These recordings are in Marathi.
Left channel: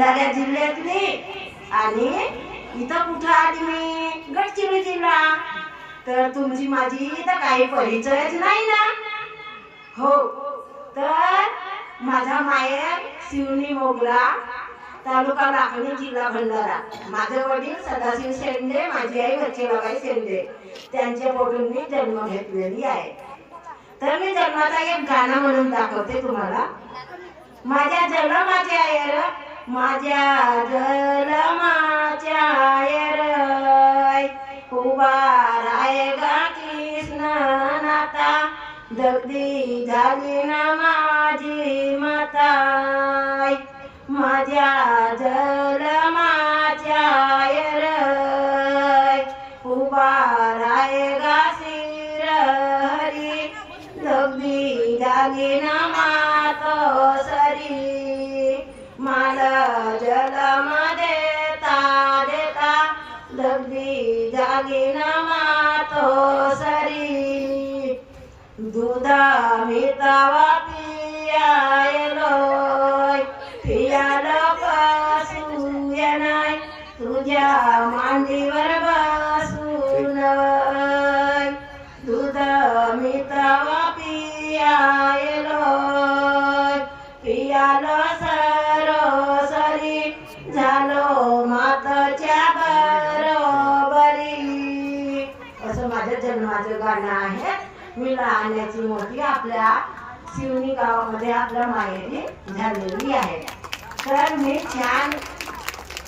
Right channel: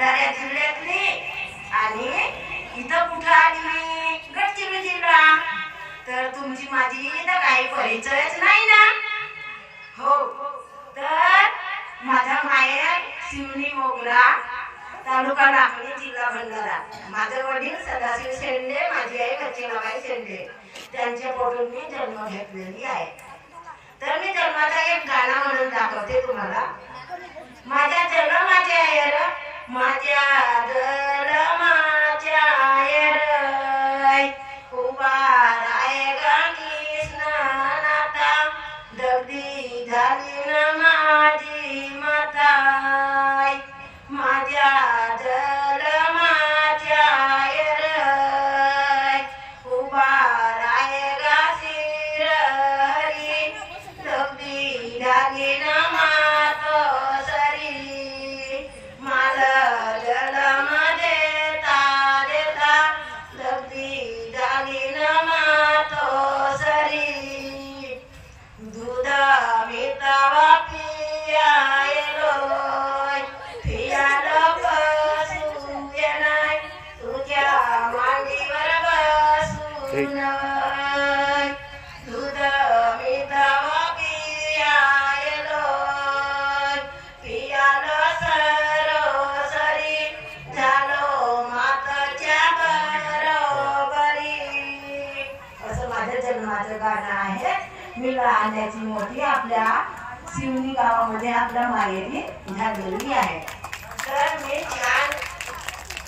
भंडारा जिल्ह्यातली आणि इथं कुठं आली मी गडचिरोली जिल्हा. तर तुमची माझी तर काही परिचयच नाही ना. हो, तर माझा माहेर शिवनी मोगरा, तालुका लाखनी, जिल्हा भंडारा. माझे वडील सदाशिव शेंडे, माझी आई बच्चेबाई शेंडे. त्यांच्या पोटून मी जन्म घेतलेली आहे. तर मी जन्माचा एक गाणं म्हणून दाखवते तुम्हाला. माझ्या जन्माच्या येर, माझ्या जन्माच्या येर उभा राय गा कृष्ण नाता, दगदी झाली ना माझी माता. माझ्या जन्माच्या येर उभा राय गा श्री हरी, दगदी झाली ना मातोसरी. मला जन्म देता देता दगदी झाली ना मातोसरी. दुधा मितावा पियायलोय, पियाला बसू येणाय, तुझ्या मांडीवर बसून. दूध मितावा पियायलोय, पियाला सरोसरी, झालो माताच्या बरोबरी. असं माझ्या जन्माचं गाणं आहे. मी लहानाची मोठी आपल्या शिवनी गावामध्ये आपल्या माहेरी झालेली आहे. तर मी छान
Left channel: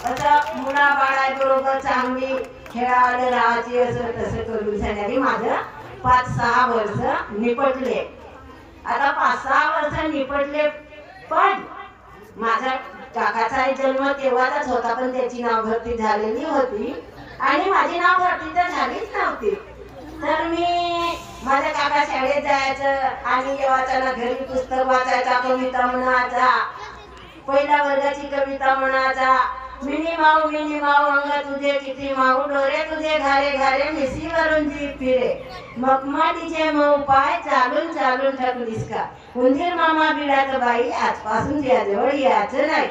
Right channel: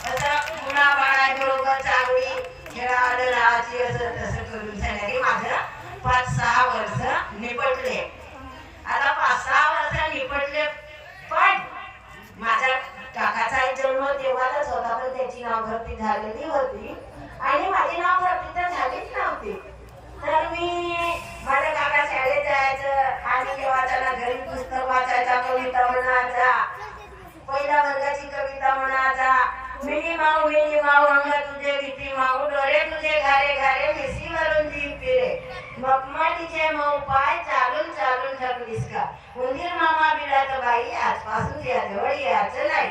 असं मुला बाळाबरोबर चांगली खेळायला राहायची, असं तसं करून झाल्याने माझं 5-6 वर्ष निपटले. आता 5-6 वर्ष निपटले, पण माझ्या काकाचा जन्म तेव्हाच होता, पण त्याची नावभरती झालेली होती आणि माझी नावभरती तर झालीच नव्हती. तर मी माझ्या काका शाळेत जायचं आणि वाचायला घरी पुस्तक वाचायचा, कविता म्हणायचा, पहिल्या वर्गाची कविता म्हणायचा. मिनी माऊ अंग तुझे किती माऊ, डोळे तुझे घारे घारे, मिशीवरून जीभ फिरे, मखमालीचे मऊ पाय, चालून चालून थकलीस का, उंदीर मामा बिडात बाई, आजपासून तुझ्याजवळ यायचं नाही.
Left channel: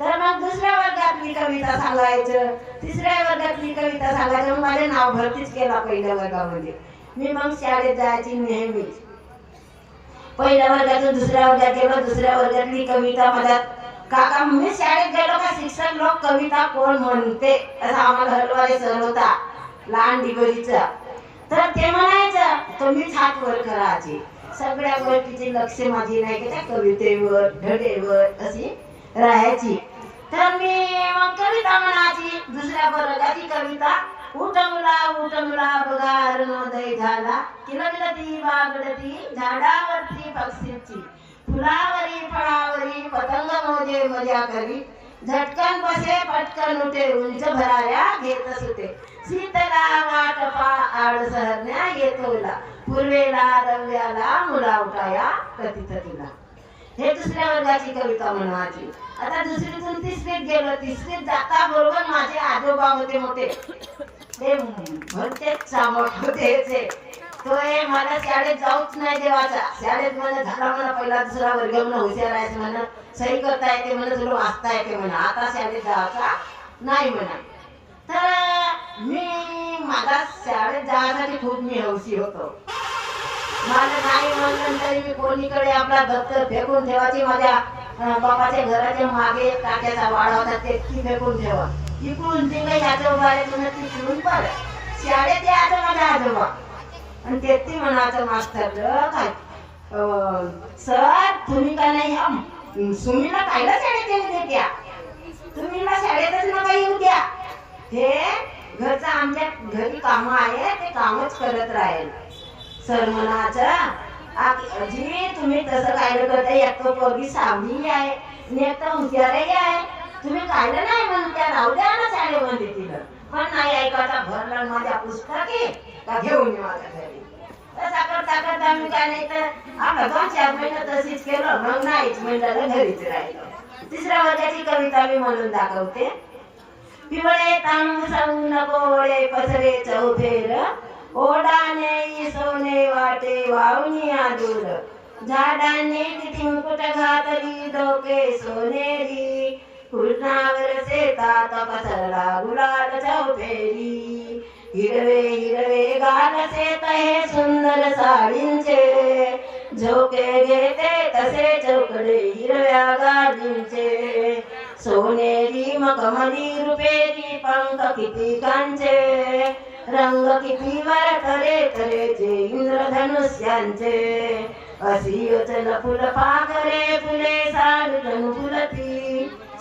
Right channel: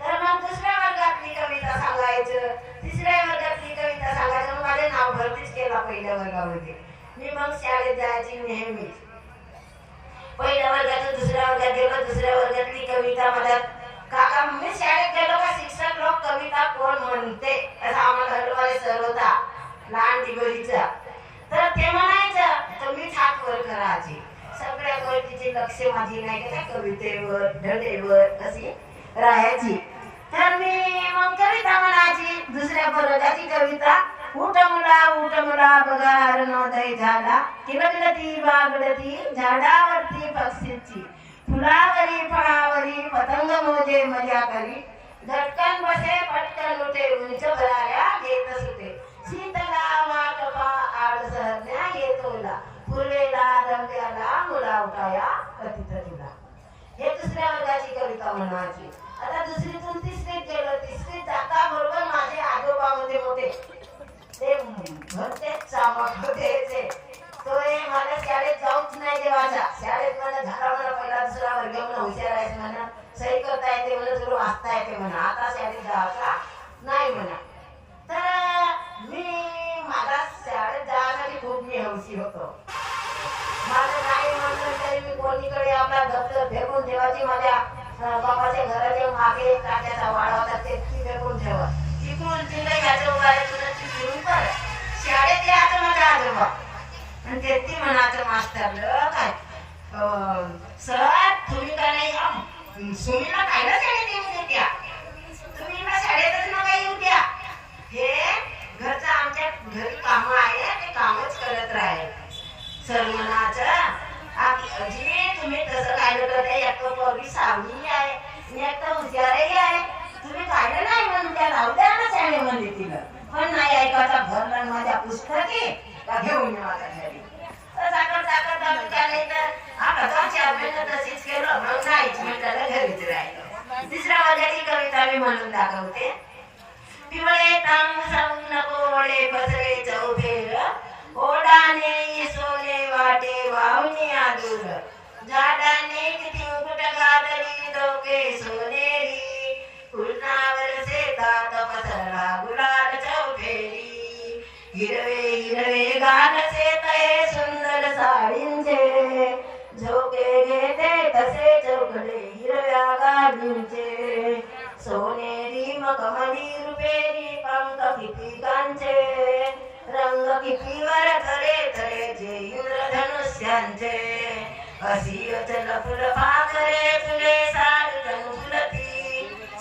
तर मग दुसऱ्या वर्गातली कविता सांगायचं, तिसऱ्या वर्गातली कविता सांगायचं. मग माझे नाव भरतीच केला पहिल्या वर्गामध्ये. मी मग शाळेत जायची नेहमीच. पहिल्या वर्गातून दुसऱ्या वर्गात गेलो, दुसऱ्या वर्गातली कविता माझ्या काका, मी शाळेत गेलो का शिक्षक लोक कविता कोण म्हणते असा आम्हाला हलवाले सर होता लहान डिगोरीचा. तर ते म्हणायचं, तर मीच हात वर करायची. सगळ्या गोष्टीचे लक्ष माझी नाही की त्या कवितेवर धडेवर अशी राहायची. तर मी मग कविता म्हणायची. दुसऱ्या वर्गाची कविता, उठ मुला बघार नोंदय झाला, किलबिलती बागडती झाडावरती पक्षीची, फुलावरी फळावरी पतंग मोजे मजा करी, झटकन बसे पटकन उठे, उंच भराऱ्या घेत सुटे, शीतला वाटपा आड सहरण्या येतोला, पूर्वेला रव्याला मुला उठाया कथित तुला. हे दुसऱ्या वर्गाची कविता म्हणायची. आता दुसरीतून तिसरीत गेलो. तिसरीत जाता बरोबर माझे आजोबा मोठे ते म्हणते सामोट होते. तो मला शाळेत जाऊच नाही देवाचा. शाळेत म्हणा झाला म्हणा पहिला दुसरा वर्ग म्हणा हुशार आहे म्हणा, सही करता येते म्हणा, तुला वाचता येते म्हणा, आता शाळेत जायचा नाही म्हणा. तर मी माझा शाळेत जाण्यासाठी खूप मी हौशी होतो. मला नाही म्हणलं तरी मी कोणीकडे आपला दप्तर फेकून ठेवायचे. माझ्या बाबाच्या घराच्या मागे काट्याचा वाडा होता, ते फेकून ठेवा. इकडून जे काही याच्या उभाऱ्यातून तिकडून पर शाळेत यायचं माझ्या आजोबा. आणि ते म्हणायचं मास्तर काय, सर तुम्ही का नाही ह्या सुमीला कायला शाळेत येऊ देत्या, तुम्ही शाळेतच नका येऊ द्या. हे घरचं आमच्या घरी काम आहे, ते कामच करत राहील. सर म्हणायचं, जी तुम्ही तसं कायला करता, एक तर पोरगी सावली आहे आणि एक तर हुशारही आहे, तुम्ही कायला नाही म्हणून त्या राहू द्या ना शाळेमध्ये तिला. पण नाही ऐकायचा, भरला माझ्या पुस्तके का घेऊन माझ्या घरी. ताकद आम्ही त्याने तर आपला 2-4 महिने तशीच केलं. मग नाहीच म्हणलं, घरीच राहिलो. तिसऱ्या वर्गाची कविता मी म्हणून दाखवते. पिवळे तांब साऊ नको वळे पसरे चौफेर, ओढाने सोने वाटे वावनी आदूर, झाडाने किती मुकुट घातली डोके सोनेरी, फुलना मालिंचे सोनेरी मखमली रुपेरी पंख किती कांचे रंग किती वर तरे तरेचे इंद्रधनुष्यांचे अशी अचल फुल पाखरे फुले साड जणू फुलती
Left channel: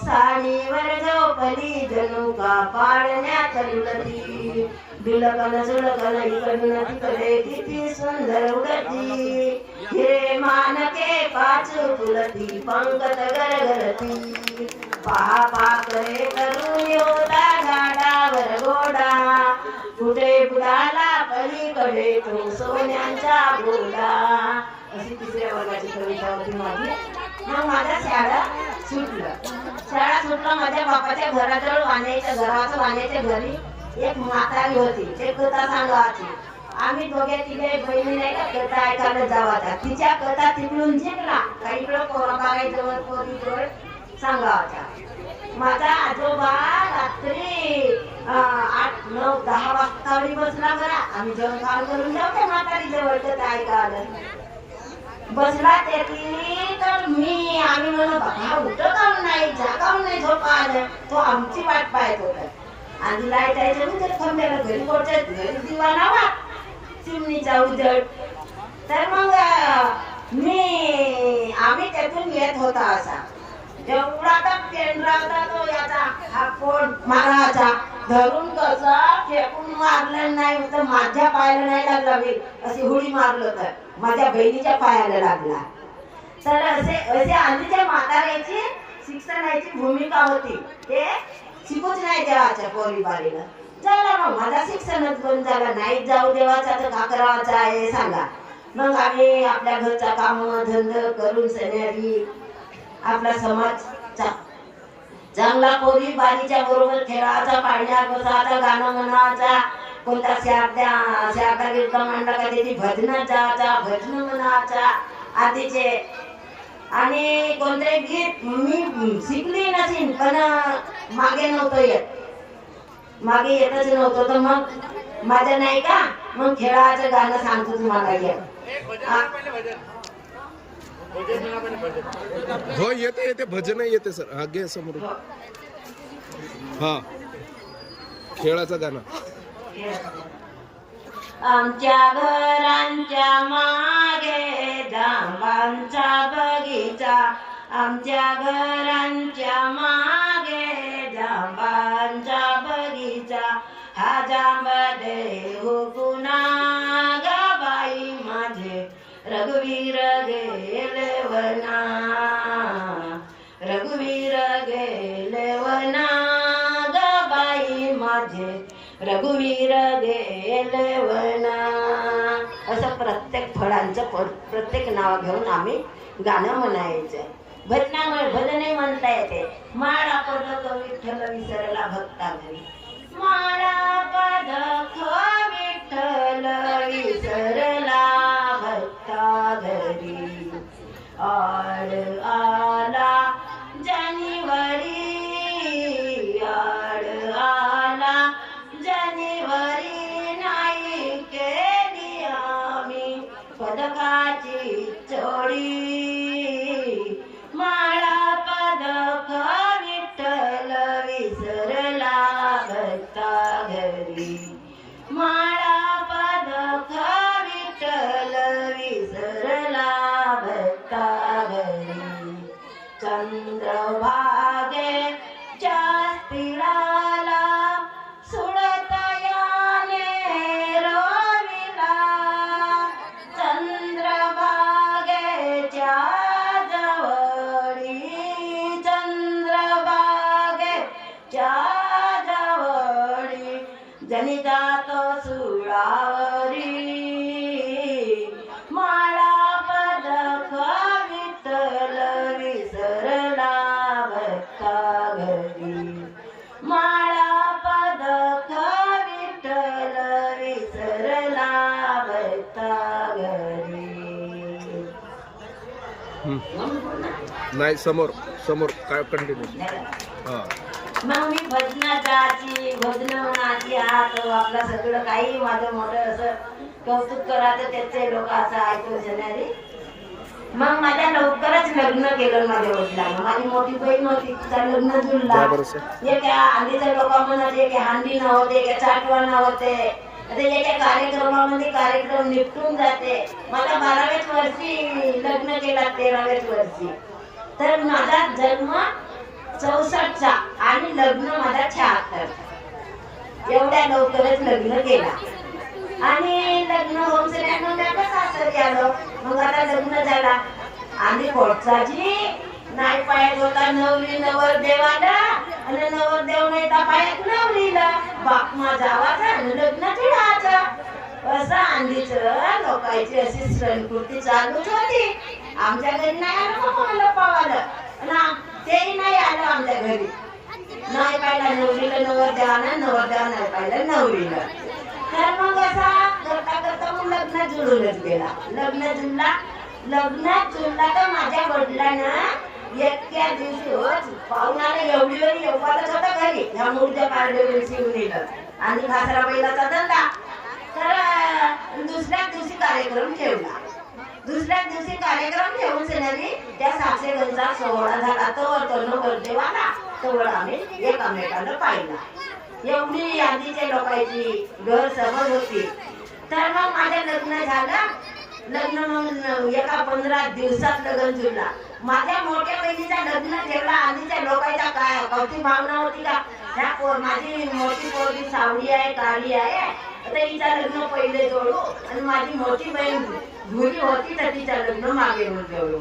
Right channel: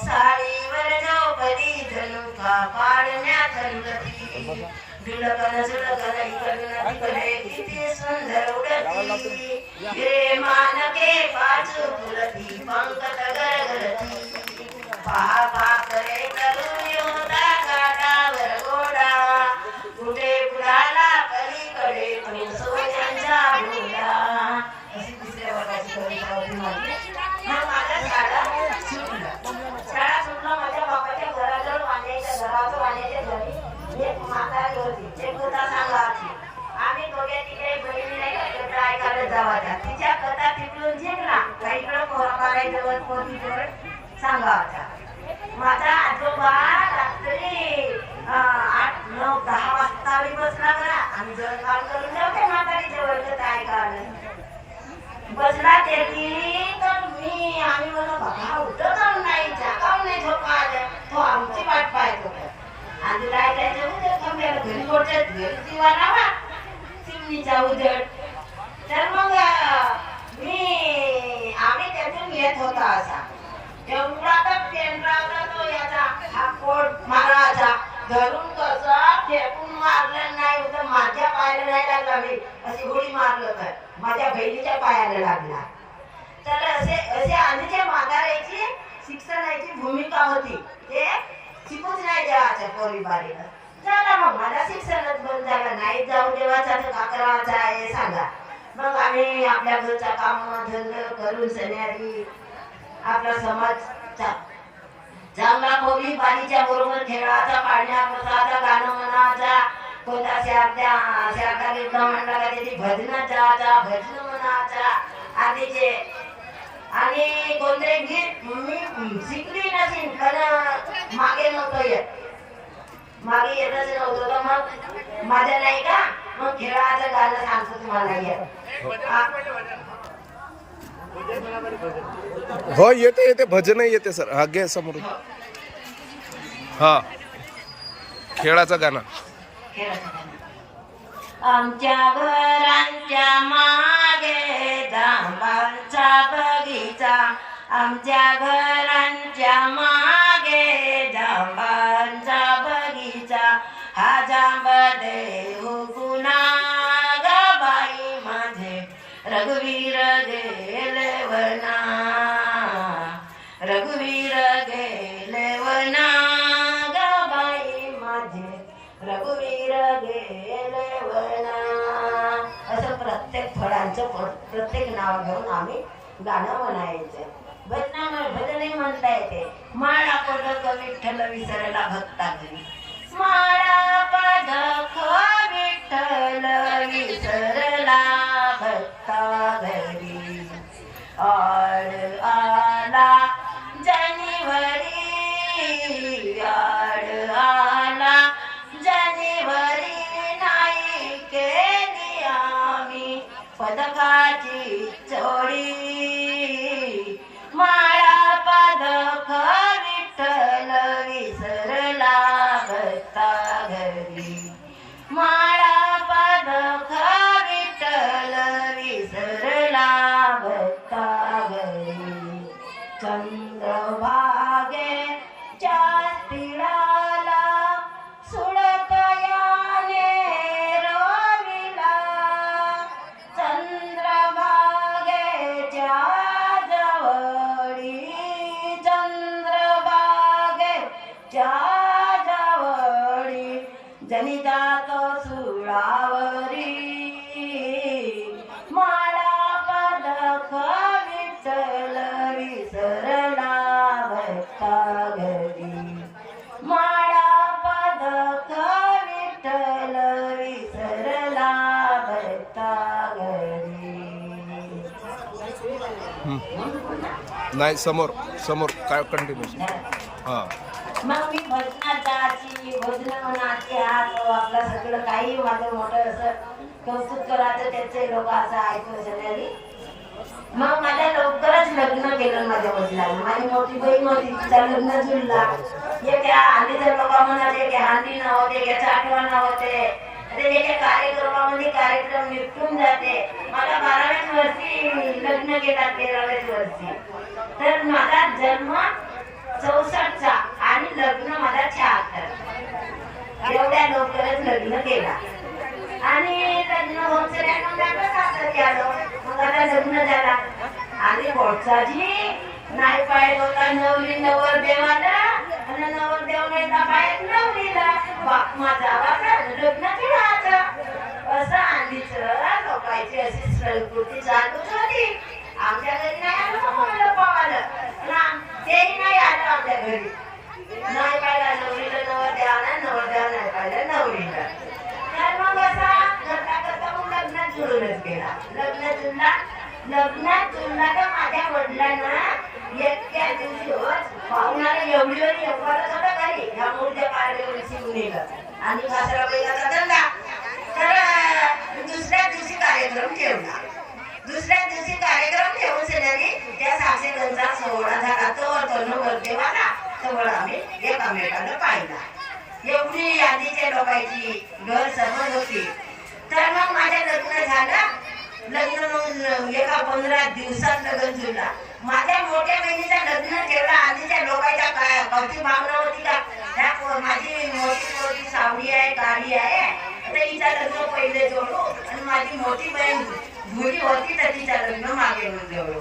साडीवर झोपली जणू का पाळण्यात लुटती बिलकन सुलकन इकडून तिकडे किती सुंदर उडती हे मानके पाचू फुलती पंकट गरगरती पहा पाखरे करून होता गाडावर घोडा कुठे बुडाला पलीकडे तो सोन्यांचा घोडा अशी तिसऱ्या वर्गाची कविता होती माझी. मग माझ्या शाळा सुटलं माझ्या बापाच्या घराजवळ वाण्याच्या घरी एक म्हातारी होती ते कथा सांगायची. आम्ही दोघे तिघे बहिणी नाही का कथा ऐकायला जावाच्या तिच्या कथा तिकडून जिंकला काही इकडे कोराबाराजवळ पोरीजवळ सांगायचा. माझा आजोबा रात्री 8, 9, 10 वाजता बसला बरा आम्ही जेवण काम करून जाऊ म्हातारी जवळ कथा ऐकायला बसला त्याची तर आम्ही म्हणून बाबा उठं काऊन नाही जा काऊन नाही झोपा आलं तो आमची वाट पाहत होता. आणि काय जायचं उजड थांबल्याला घरी पोहोचत घरी दिवा लावा चिमणीचा उजड. तर मग आम्ही त्यातून येत होता असा एवढा तर पेंढरा होता तो याचा हा पोट माराचा धरून कसा फेकून मारलं नाही होतं माझ्या पायाला नाही लागला मी अशी हुडी मारलं तर माझ्या बहिणीच्या पायाला लागला. तर असे आधीच्या म्हाताऱ्याची शिक्षणाची भूमिका होती ते शिकूच नाही देवाच्या पोरी बारीला झाला. मग माझा शिक्षणच बंद झाला नाही जाऊ देवाचा तर का करावाचा आहे सांगा. मग आम्ही आपल्या घरचा काम धंद करून सन्यारी आपला समाज चांगला पोरी बारीच्या बरोबर खेळाचा पाळण्या बसाचा गाणं म्हणाचा कोणता शारदा कीर्तन मंडळाची ती भजनाचा भजन म्हणाचा आधीचे आणि कोणते गीत मी शिकली नसेल पण मागे नव्हतं येतच नव्हतं. तर मग माझ्या नाही का मग खेळाचं गाणं सांगतो तुम्हाला हो येते भजन येते सर हा घे समोर. हा खेळाचं गाणं. आमच्या घरांच्या मागे जांबांचा बगीचा आमच्या घरांच्या मागे जांबांचा बगीचा हा जांब देऊ गुना ग बाई माझे रघुवीर गेले वना रघुवीर गेले वना ग बाई माझे रघुवीर गेले वना. असं प्रत्येक फळांचं प्रत्येक नाव घेऊन आम्ही गाणं म्हणायचं. भजने म्हणता येते माळा पदक विठ्ठल विसरला भक्ता घरी माळा पदक विठ्ठल विसरला भक्ता घरी आड आला जानेवारी आड आला जानेवारी नाही केली आम्ही पदकाची चोरी माळा पदक विठ्ठल विसरला भक्ता घरी माळा पदक विठ्ठल विसरला भक्ता घरी चंद्रभागे पिळाला सुडत याने रविला चंद्रभागेच्या जवळी चंद्रभागेच्या जवळी जनी जातो सुळावरी माळा पदक विठ्ठल विसरला भक्ता घरी माळा पदक विठ्ठल विसरला भक्ता घरी. नाही समोर काय कंटिन्यू. हा मग मी भजनाची भजनाची हात आपलं सगळं काही माझं मोठं असं कौतुक करायचं त्याचे लोक असं ऐकून जनारी मग माझ्या लवकरच लग्न केलं माझ्या वडिलांना. माझी मोठी बहीण होती, तिचं लग्न जुळला. एक आंधीच्या लोक म्हणत, एक हांडी नव्हते, एक चाटवा नव्हते. एका कार्यक्रमामध्ये कार्यक्रम निपटून जाते. मला 12व्याच वर्षी लग्न केला, 13व्याच वर्षी. तर माझा जन्म 64चा आणि लग्न माझा 76. एवढ्या लवकरच लग्न केला. आणि लग्न होऊन सगळ्यांना मग सासरी आलो. मग आता लग्न झाला आणि कोटचाची नाही पायात होता नवरी नवर देवाला आणि नवरदेव नाही तर पायात नवरीला. बाप माझा वाचा लग्न ठेवायचं असं आंधीच लोकांची अशी संस्कृती चालूच होती. आमच्या घरी नाही आलं मला पावालं ना, तेही नाही आलं आमच्या घरी. नाही पाहिला नवरीला नवरदेवाला, नवरदेव नाही पाहिलं नवरीला. तर मग असा करता करता मग लग्न जुळूनच गेला. लग्न जुळला तर माझ्या वडिलांना एका दिवशी पाहुण्याला एवढी वेळी येऊच होता घरी. ह्या मूर्त्या काढल्या शिवणीला आणि घासरा बैलाचा धंदा. तर दुसऱ्या दिवशी कार्यक्रम ठेवला. दुसऱ्या दिवशी कार्यक्रम ठेवून सेनारी त्या साक्षीगंजा सोहळा झाला. तो नवरदेवाला तवळ आम्ही एकमेकाला पाहिला. एवढी आधीच्या लोकांची घर समज होती. तर मग माझं लग्न झालं. लग्न एका 15 दिवसात लग्न जुळला. माझ्या मोठ्या बहिणीचं लग्न ठेवला. आधीच्या लोकांच्या काय कौतुक भावना होती का, माझी मोठी पोरगी सावळी आहे, काळी आहे, तर हिचं लग्न पहिले जोडू. आणि माझी मोठी बहीण भुरी होती तर तिचं लग्न मागे जोडू.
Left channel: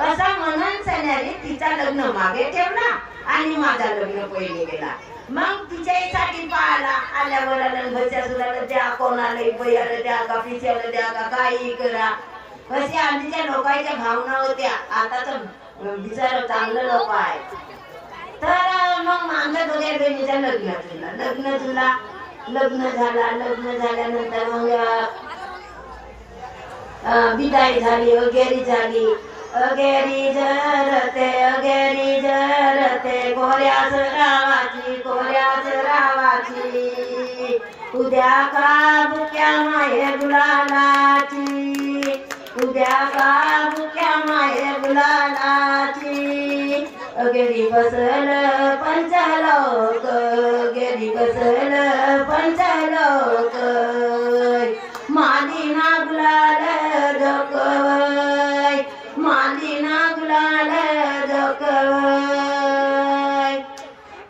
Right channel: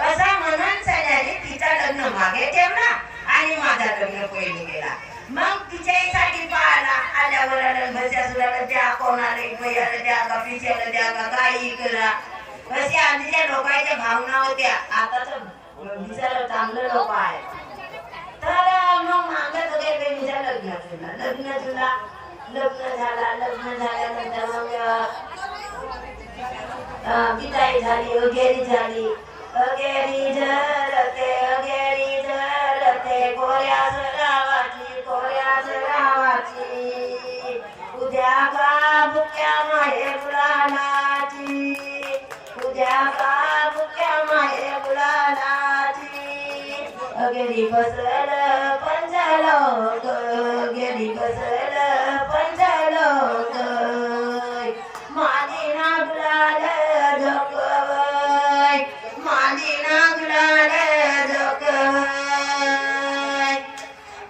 असं म्हणून सण्याने तिचं लग्न मागे ठेवला आणि माझा लग्न पहिले गेला. मग तिच्यासाठी पाहायला आल्यावर बस्या सुद्धा द्या, कोणाला बयाला द्या का, पिच्याला द्या का, काही करा. अशी आधीच्या लोकांच्या भावना होत्या. आता तर विचार चांगलं लोक आहे. तर मग आमच्या दोघ्या बहिणीचं लग्न झाला. लग्न झाल्यानंतर मग विदाई झाली, अगेरी झाली. अगेरी जरते कोऱ्याच रावाची उद्या का बुक्या माये गुलालाची, उद्या का बुक्या माये गुलालाची. अगेरी बसल पंचलोक, अगेरी बसल पंचलोक, मादी नागलाल धोकवय, मादी नागलाल धोकवय.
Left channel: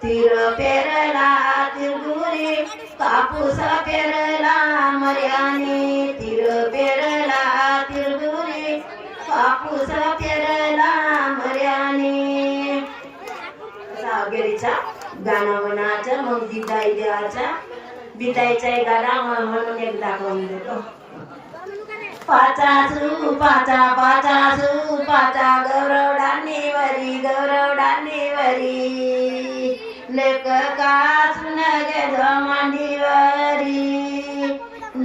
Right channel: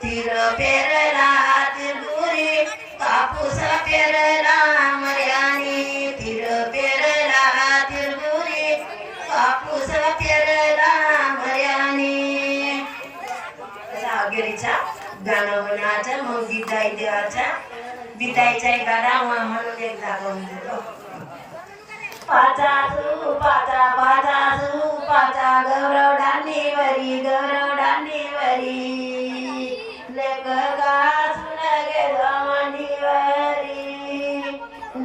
तीर पेरला तिरगुरी, कापूस पेरला मर्यानी. तीर पेरला तिरगुरी, कापूस पेरला मर्यानी. असा अगेरीचा गाणं म्हणायचं. मग विदाई देवाचा, विदाईचा गाणा म्हणून एक दाखवून देतो. पाचासू पाचा पाचासू पाचा गौरवडानी वरी, गौरवडानी वरी. लेक का सुन गे मांडीवरी,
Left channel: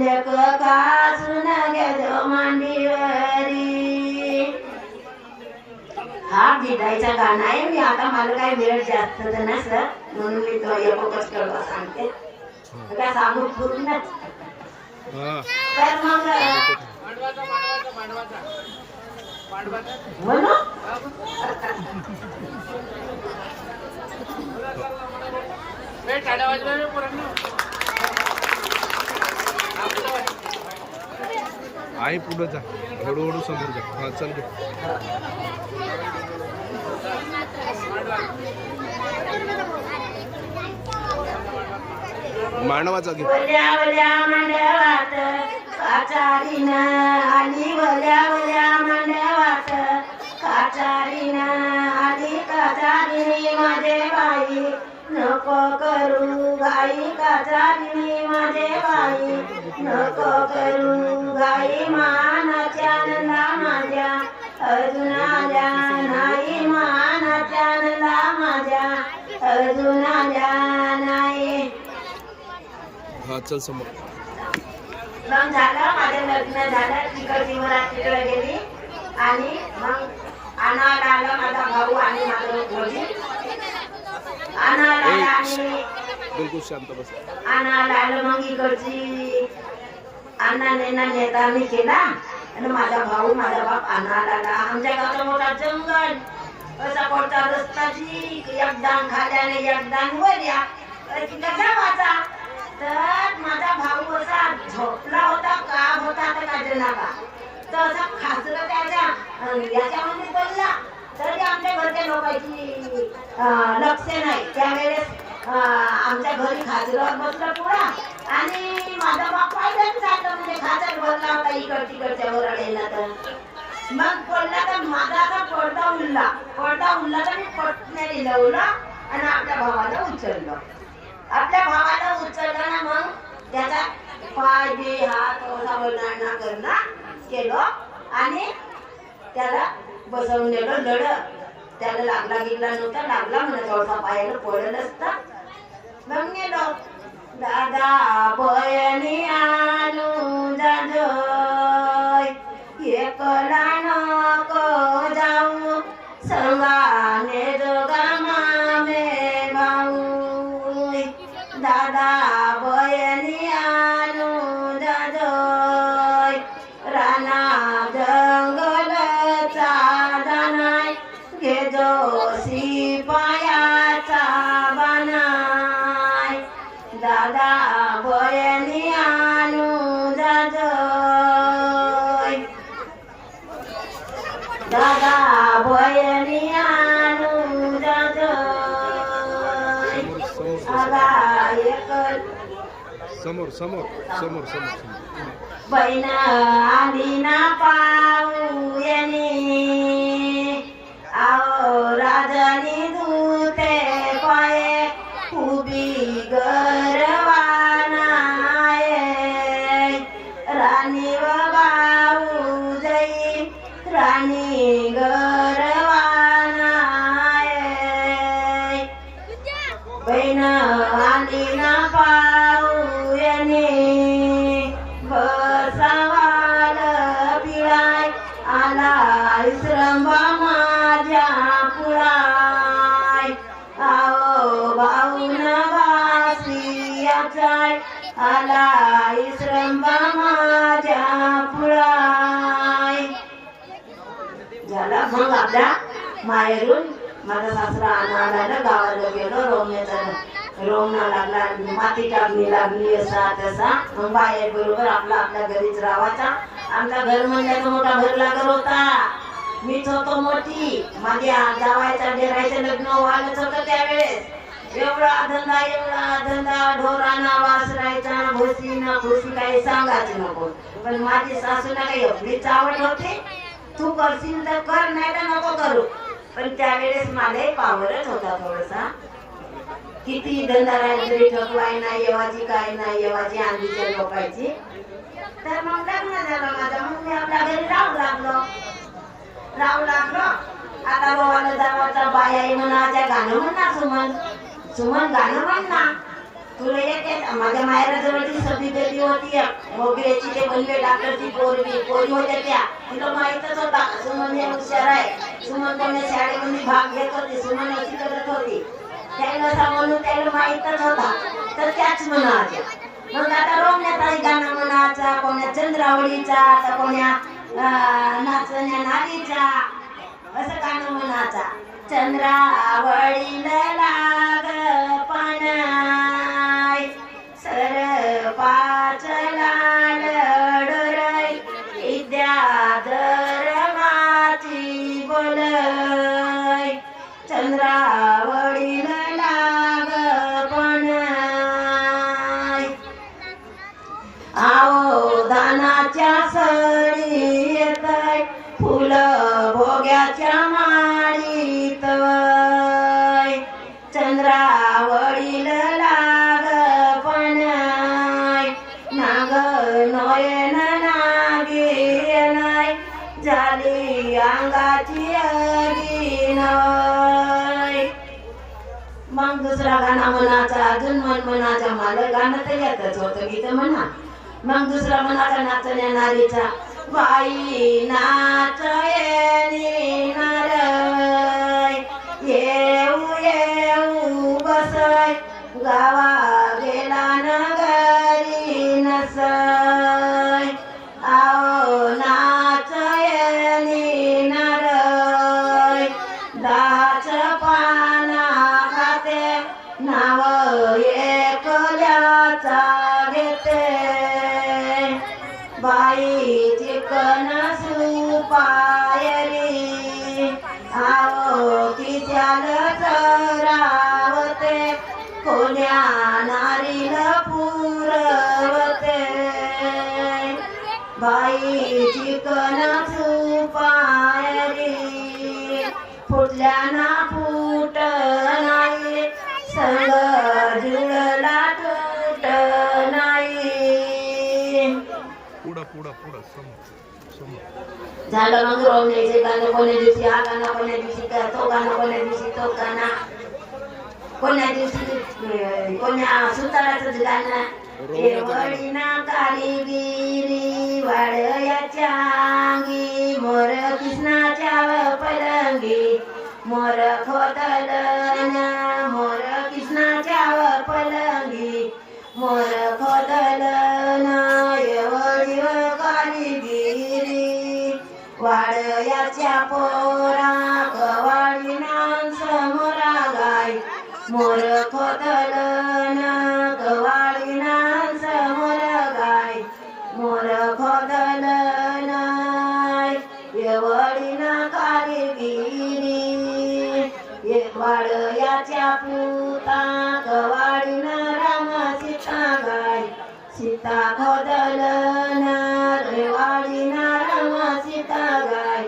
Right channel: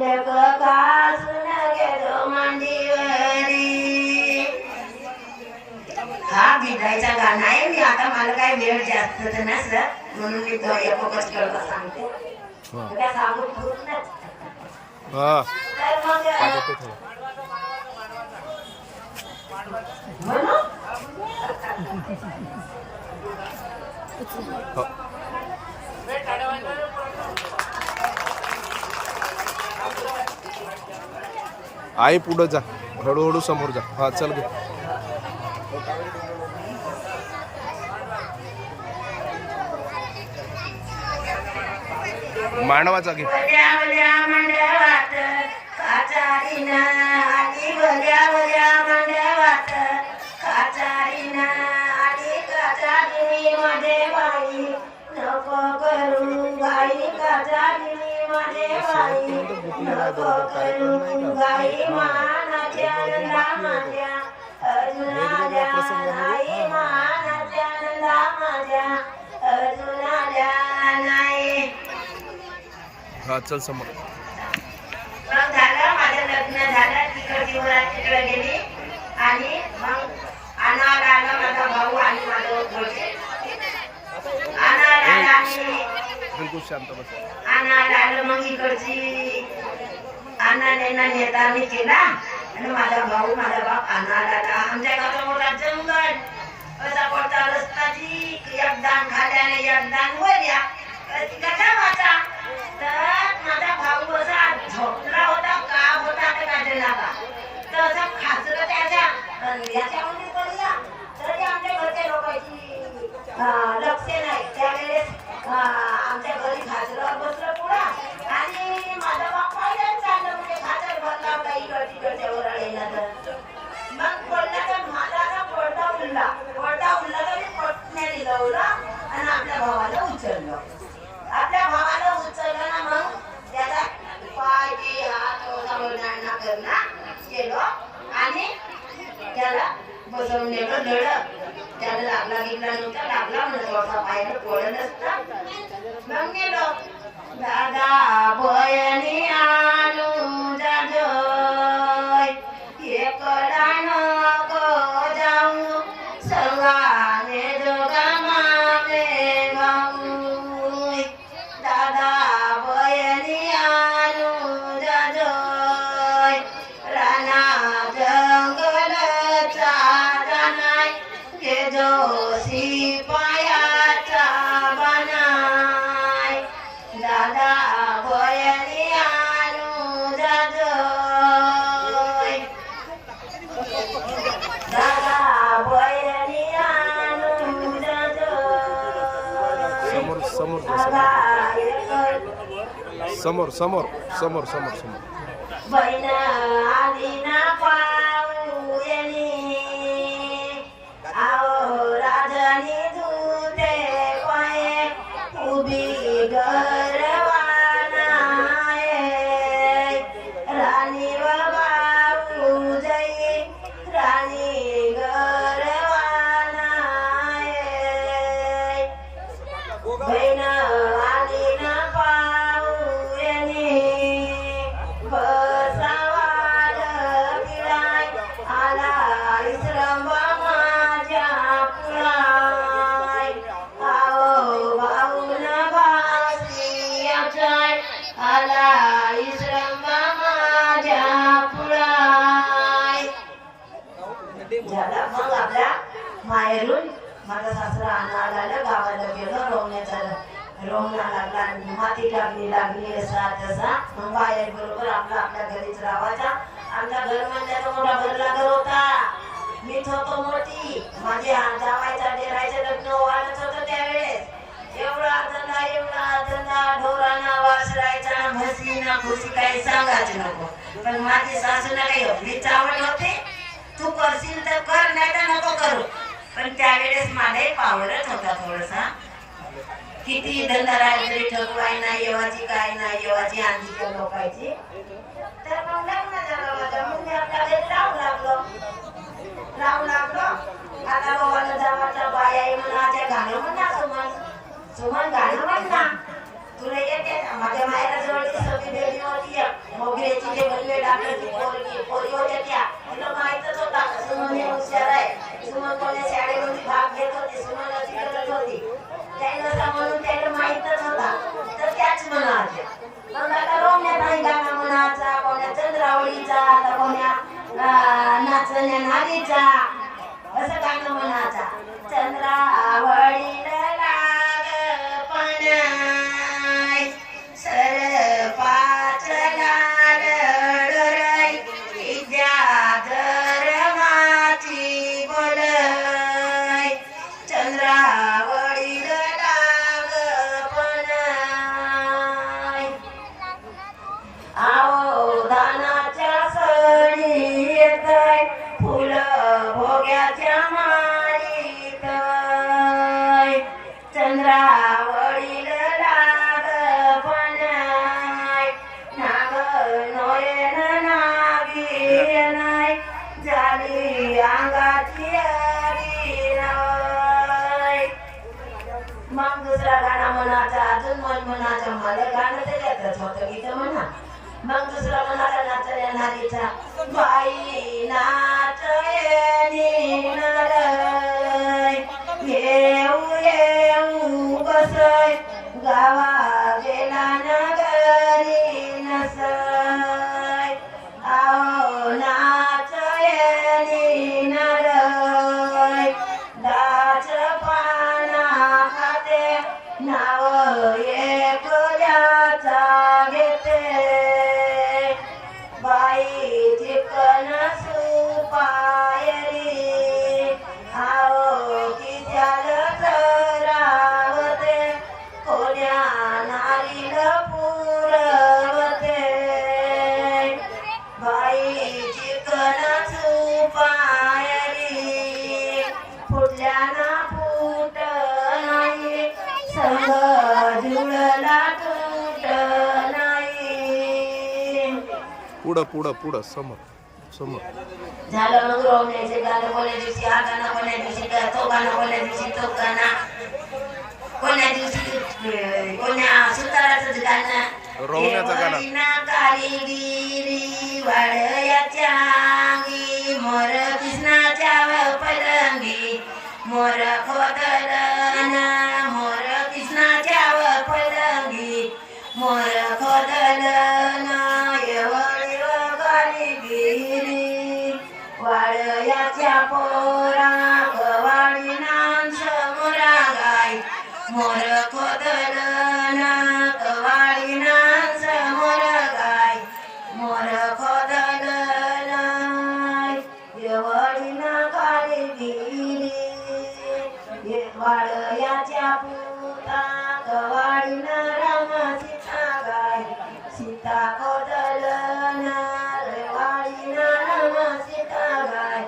लेक का सुन गे मांडीवरी. हा विदाईचा गाणं आहे. मी आता मला काही वेळ जास्त तर नसलं म्हणून मी तो एकच कळवा सांगते. त्या सांगून पूर्णच. तर मग म्हणून आई पुढे जा, हळूहळू समोर जा. हा चल गे. मांडवाचा घे. वल्या मांडवात काचारीन आणि वल्या मांडवात काचारीन आणि काचारी मध्ये बाई. नको करू घाई काचारी मध्ये बाई, नको करू घाई. मानाच्या माझ्या अजून आल्या नाही, मानाच्या माझ्या अजून आल्या नाही. हा चल समोर. मग झालं माझं लग्न झालं. तिकडची मुलात तिकडे गेली आणि मग आणायला आला माझा भाऊ आणि माझं वडील. आणायला आला आणि बिलकुल शांत बस. आणायला आलं. मग इकडची अण्णा नेतानी केला आणि माझा भाऊ माझा बाप आणायला आला. आमच्या गावाचा मोठा जंगल, कसा पडता रस्ताची, एक दान खाल्या आणि एक दान वरया, कसा वाचा. तर माझा भाऊ असा झोपला होता का होता तर काय नका, तर असं खासलं त्याच्या याच्यामध्ये पडला. तर ते आमच्या घरच्या लोकांची लक्ष नाही. त्यावेळेस आमच्या घरी खासल्यावर बसला पुरा आणि माझा बाप पाहिलं चाललं, म्हणजे खासर भरला होता इकड तिकडच्या ओरडेला. तर मग पडला तर माझा असा पडदा उडला तर मी पटण्या दिलं आणि आपल्या भावाला उचललं. आपल्या भावाला उचललं ना, मग त्याचा पाय बी हात ओढाओढा करणं केलं आणि त्याला बसवून नेलं. लढत त्याला लागला गिरला नव्हता, लागला म्हणून थोडासा पायानं पडलं असतं. मग गेलो दादा बयनी आणू जाजोय, एकला नको जाऊ संगाने जोगा मामले गाऊ. दादा बयनी आणू जाजोय, राणा जंगलचा जाणाय, घेजो शिपायाचा बनाय. दादा बयनी आणू जाजोय, दादा बयनी आणू जाजोय. समोर समोर जा, समोर समोर समोर समोर समोर. बहीण आली ना पाऊ येणे, आओ राजानी दूते पाये, उभी गरवाना ये. राणी व बाऊ जई, राणी गरवाना ये. बहीण आली ना पाऊ येणे, बसावाल पिळाय, आला श्रंभा माझ्या पुळाय. आओ भाऊन बासियाचाय, आला श्रंभा माझ्या पुळाय. झाला. मग आपल्या माहेरून माझा सासरा आणायला गावाला गेलो. रोमना लागला, माती टाकणी लागली, असा तसा. मग बाहेर बरोबर आपल्या घरीच राहायचा. आमचा घर म्हणजे मोठा भरला घर होता. मीच होतो मोठी. माझ्या जावायचा डेरायचं लग्न व्हायलाच होतं त्यावेळेस. एवढा धंदा ढोराना वासरायचा, म्हशी ना खुशी काही सांगायची नको. पण माझी सासू ना काही एवढी चावट होती, तू करशील तर कर, नाही तर नको करू. पण त्यावेळेस माझाही पावरच होता थोडासा. किती धंदा राहिली ठकवाय नाही येवाची, काय नाही येवाची, आंधीच्या लोकांची. तर मग लग्न झालं माझं. मग मी आपल्या घरी राहू लागलो. आता बोवाला जावाचा बाया म्हणाच्या गाणं म्हणा, सुमन गाणं म्हण ना, तुला येते. माझ्या माहेराजवळची सगळी बेबी होती, मोगऱ्याची ते बलवे डॉक्टरची पोरी होत्या त्या. तिला माहीतच होता सुमन हुशार आहे. सुमन कोण्या शाळेमध्ये भाग घेत होती, सुमन अशी करत होती. त्याला म्हणून त्याला माहीतच होता. तर त्याच म्हणायच्या. मग आता रोमण्याचाही गाणं म्हणायचा, कोण्या चंद्रावळीचा, तर कोण्या नाचण्या नारीचा, असं गाणं म्हणायचा. चंद्रावळीला लाग पानाय, सरपाचला लडोराय, विद्याधर माची बोलय. चंद्रावळीला लाग पानाय, आओ दानाच्या सडी येतय, फुलं भोग्याच्या माळीत. चंद्रावळीला लाग पानाय, नाग नयन नागिनय, झाली अंगाची अगिनय. मग दुसरा गाणं म्हणाचा, अजून मन म्हणाचा. मला गाणं तर येतच होतं, गीत म्हणा. मग दुसरा म्हणाचा नाचण्या नारीचा, बाई नाचयनी नारय, येऊ येऊ बसय, गावा गेला न घरी नसय. आओ ना पुढं पुढं पुढं समोर समोर. झालं मग रोवण्याचे गाणं कोण्या दिवशी हा गाणं कोण्या दिवशी तो गाणं कोण्या दिवशी तो गाणं कोण्या दिवशी कोण्या सुताराचं गाणं रोवण्याचं गाणं. देवळीना कालीगिरी वाडयाच्या अंगी मोर कृष्णाच्या पलंगी मोर खोदलन मोर कृष्णाच्या पलंगी मोर खोदलन देवळी कालीगिरी वाडयाच्या पोरा कवाडीना समोरा गाय मोर खोदलन कवाडीना समोर गाय मोर खोदलन येवडीना कालीगिरी वाडयाच्या पुता कवाडीना राम सीता गाय सीता खोदलन रेवाडीना राम सीता गाय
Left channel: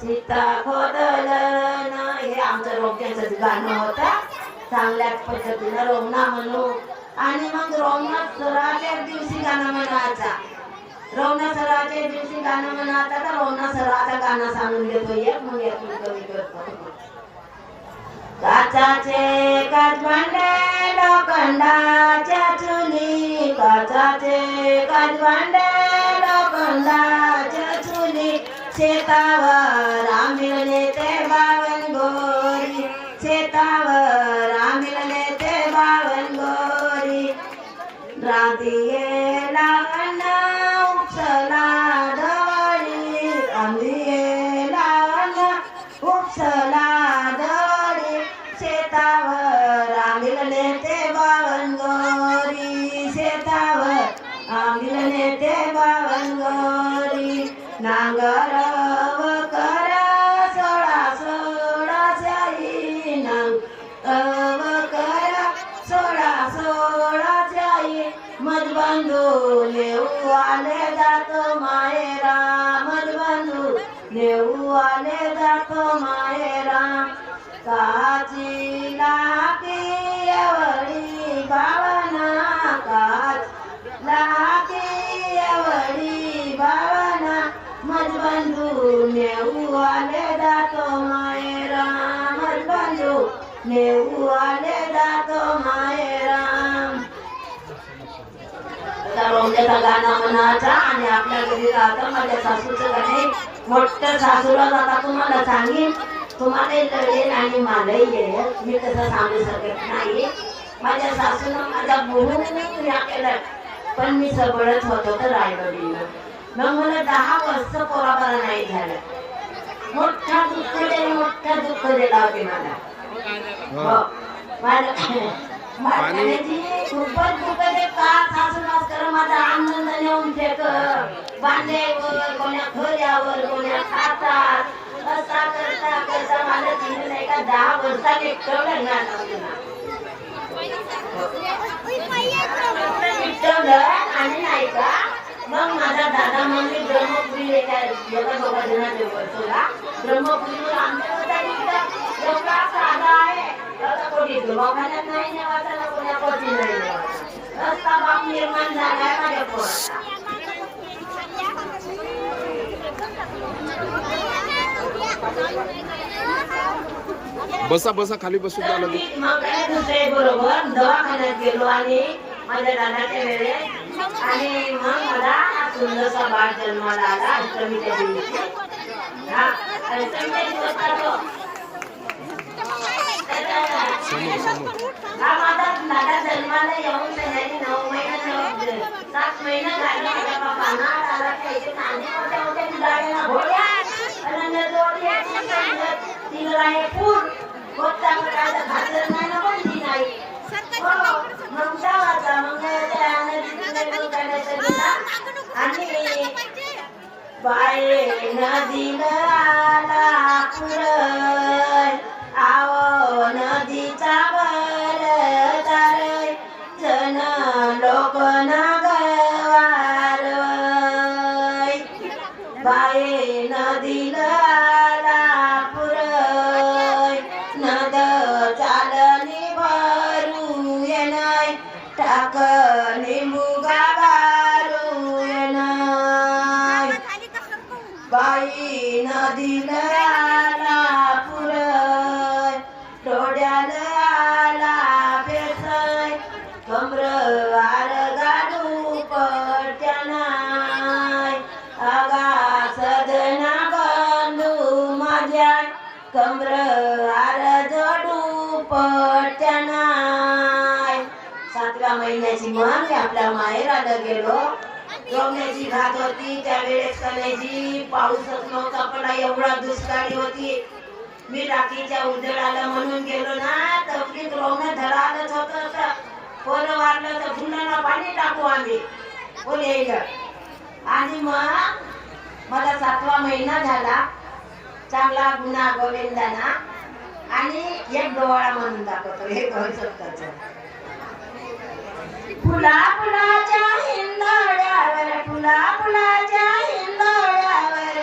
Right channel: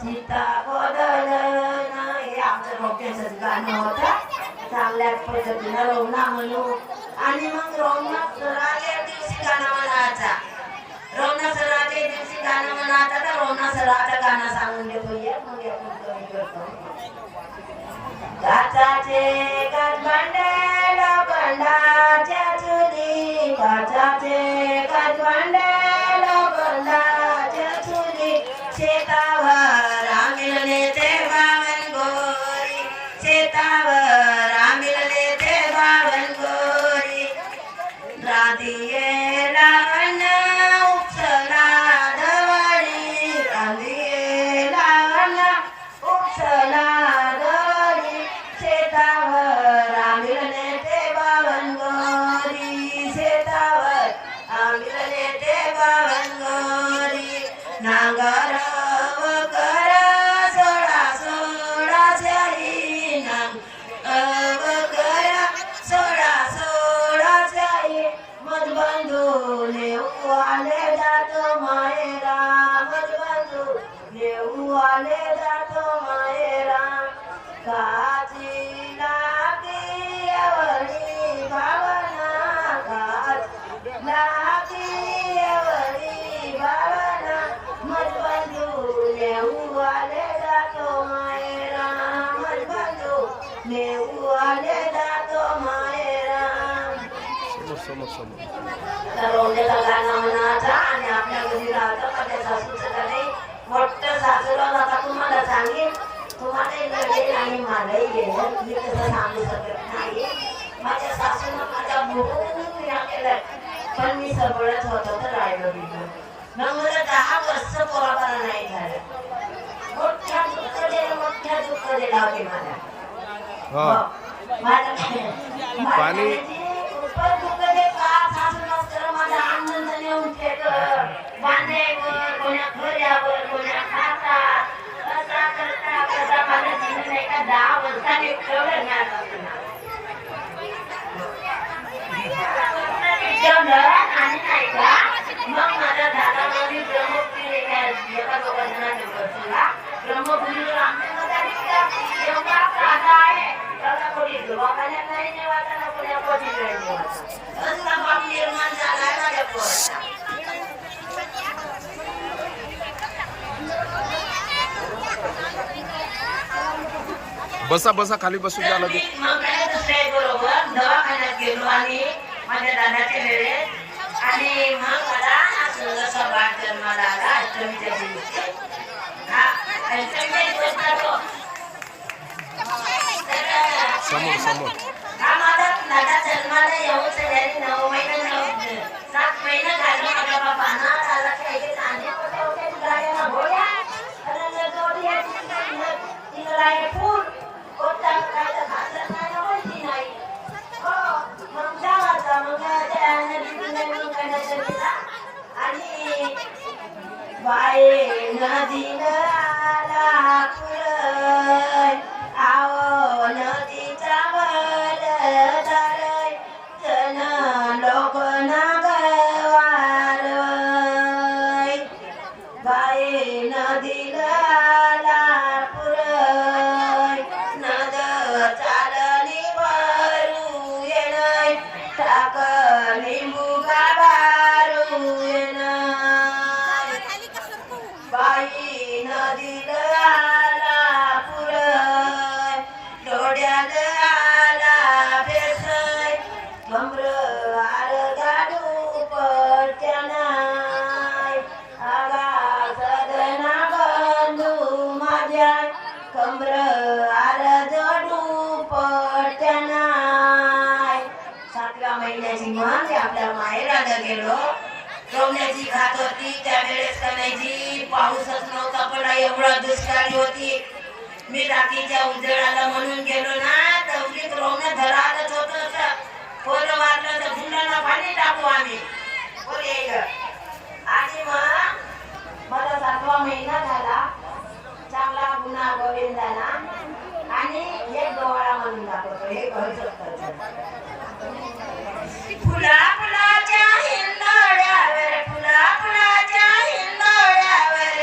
सीता खोदलन. हे आमचं रोक्याचं गाणं होतं. चांगल्याच पद्धतीनं रोवणा म्हणू आणि मग रोवणा सराच्या दिवशी गाणं म्हणायचा. रोवणा सराच्या दिवशी गाणं म्हणायचा तर रोवणा सराचं गाणं सांगून देतो. एक मग येतो कमी करतो. काचाचे काचभांडे लोखंडाच्या चुली काचाचे काचभांडे लोखंडाच्या चुली शेतावर आंबिलने ते बावन गोरी शेतावर आंबिलने ते बावन गोरी राधिये लावण उपसला दवडी राधिये लावण उपसला दवडी शेतावर आंबिलने ते बावन गोरी शेतावर आंबिलने ते बावन गोरी नांगर कर सोडा सोडा शाही नांग कर सोडा सोडा शाही मधबंधू नेऊ आले जातो मायरा मधबंधू नेऊ आले जातो मायरा काची लाकी एवढी भावना काच लाकी एवढी भावना मधबंधू नेऊ आले जातो मायरा मधबंधू नेऊ आले जातो मायरा. समोर समोर समोर. त्या रोवण्याचा गाणं म्हणायचा आणि आपल्या घरी राहतं. माझ्या सासूचं गाणे मोठं सासूला आता तुम्हाला सांगेन. तुम्हालाही लढेल आणि मलाही येईल. मी तसं सांगू शकत नाही. माझ्या सासूनं माझा बोलून पुण्या केलं पण मी सबळच होतो तर राहिलो गेलो. मग मला 10 वर्ष पोरापरा नाही झालं. मोठा दुःख दिला होते मला. हा. पाणी खूपच दुःख दे का सासू मास्तर माझा आनंद नेऊन फेक बांधे कोण्या खोऱ्यावर कोण्या खातात असा करता कसा मला दिलं नाही का 10 वर्षाने ठेवलं आणि नाही का मग माझा दादा म्हणजे ब्रह्मपुरी एका दोघा जणांच्या वर्षाला ब्रह्मपुरी आमच्या एवढा साधा आहे. दवाखान्यात नाही नेवायचा कोण्या पती नाही नेवायचा असा बाप निर्माण झाला माझ्या पोराचा. बसा बसा खाली बसून द्या लगे. मग दुसरे बरोबर दवाखान्यात गेलो आणि माझ्या दादाच्या वेळेत आणि मग मला हा सुंदरसा बाळ जन्माला आला अष्टमीच्या दिवशी. हा अष्टमीच्या दिवस समोर समोर. हा माझा दादा जन्माला येऊन सध्याने 9 महिने 7 महिने झाले. माझ्या बापांना दादाच्या इथे कांदे मोठे होते गाड्यानं भोळ्या आणि जोडी तीन राय फूट गोट्या मटाला घातलं नाही ना बोलली नाही. मग जावाचा मग आणि बाये नदीनं आला पुरय आओ नदीचा वर तारय जन लोक नागवार बाये नदीनं आला पुरय नदचा कमर आल जोडू पटनाय. 7व्या महिन्याची मन मी आपल्या माहेराला गेलो. रोवण्याची घात होती त्यावेळेस कणायची, पाऊसच नव्हता पडा, एवढा दुष्काळी होती. मी रात्रीच्या उजळाला म्हणून गेलो ना, तवकीत रोवणं धरालच होत. पोरं वारलं तर झुंडाला पाणी टाकू आम्ही, कोण येईल. आणि मग माझा 7वा महिना झाला, चांगला गुन्हा गोविंदाना. आणि एक डोळा म्हणून दाखवतो, हे घर शकतो. फुला फुलाच्या हिंदोड्यावर, फुला फुलाच्या हिंदोड्यावर,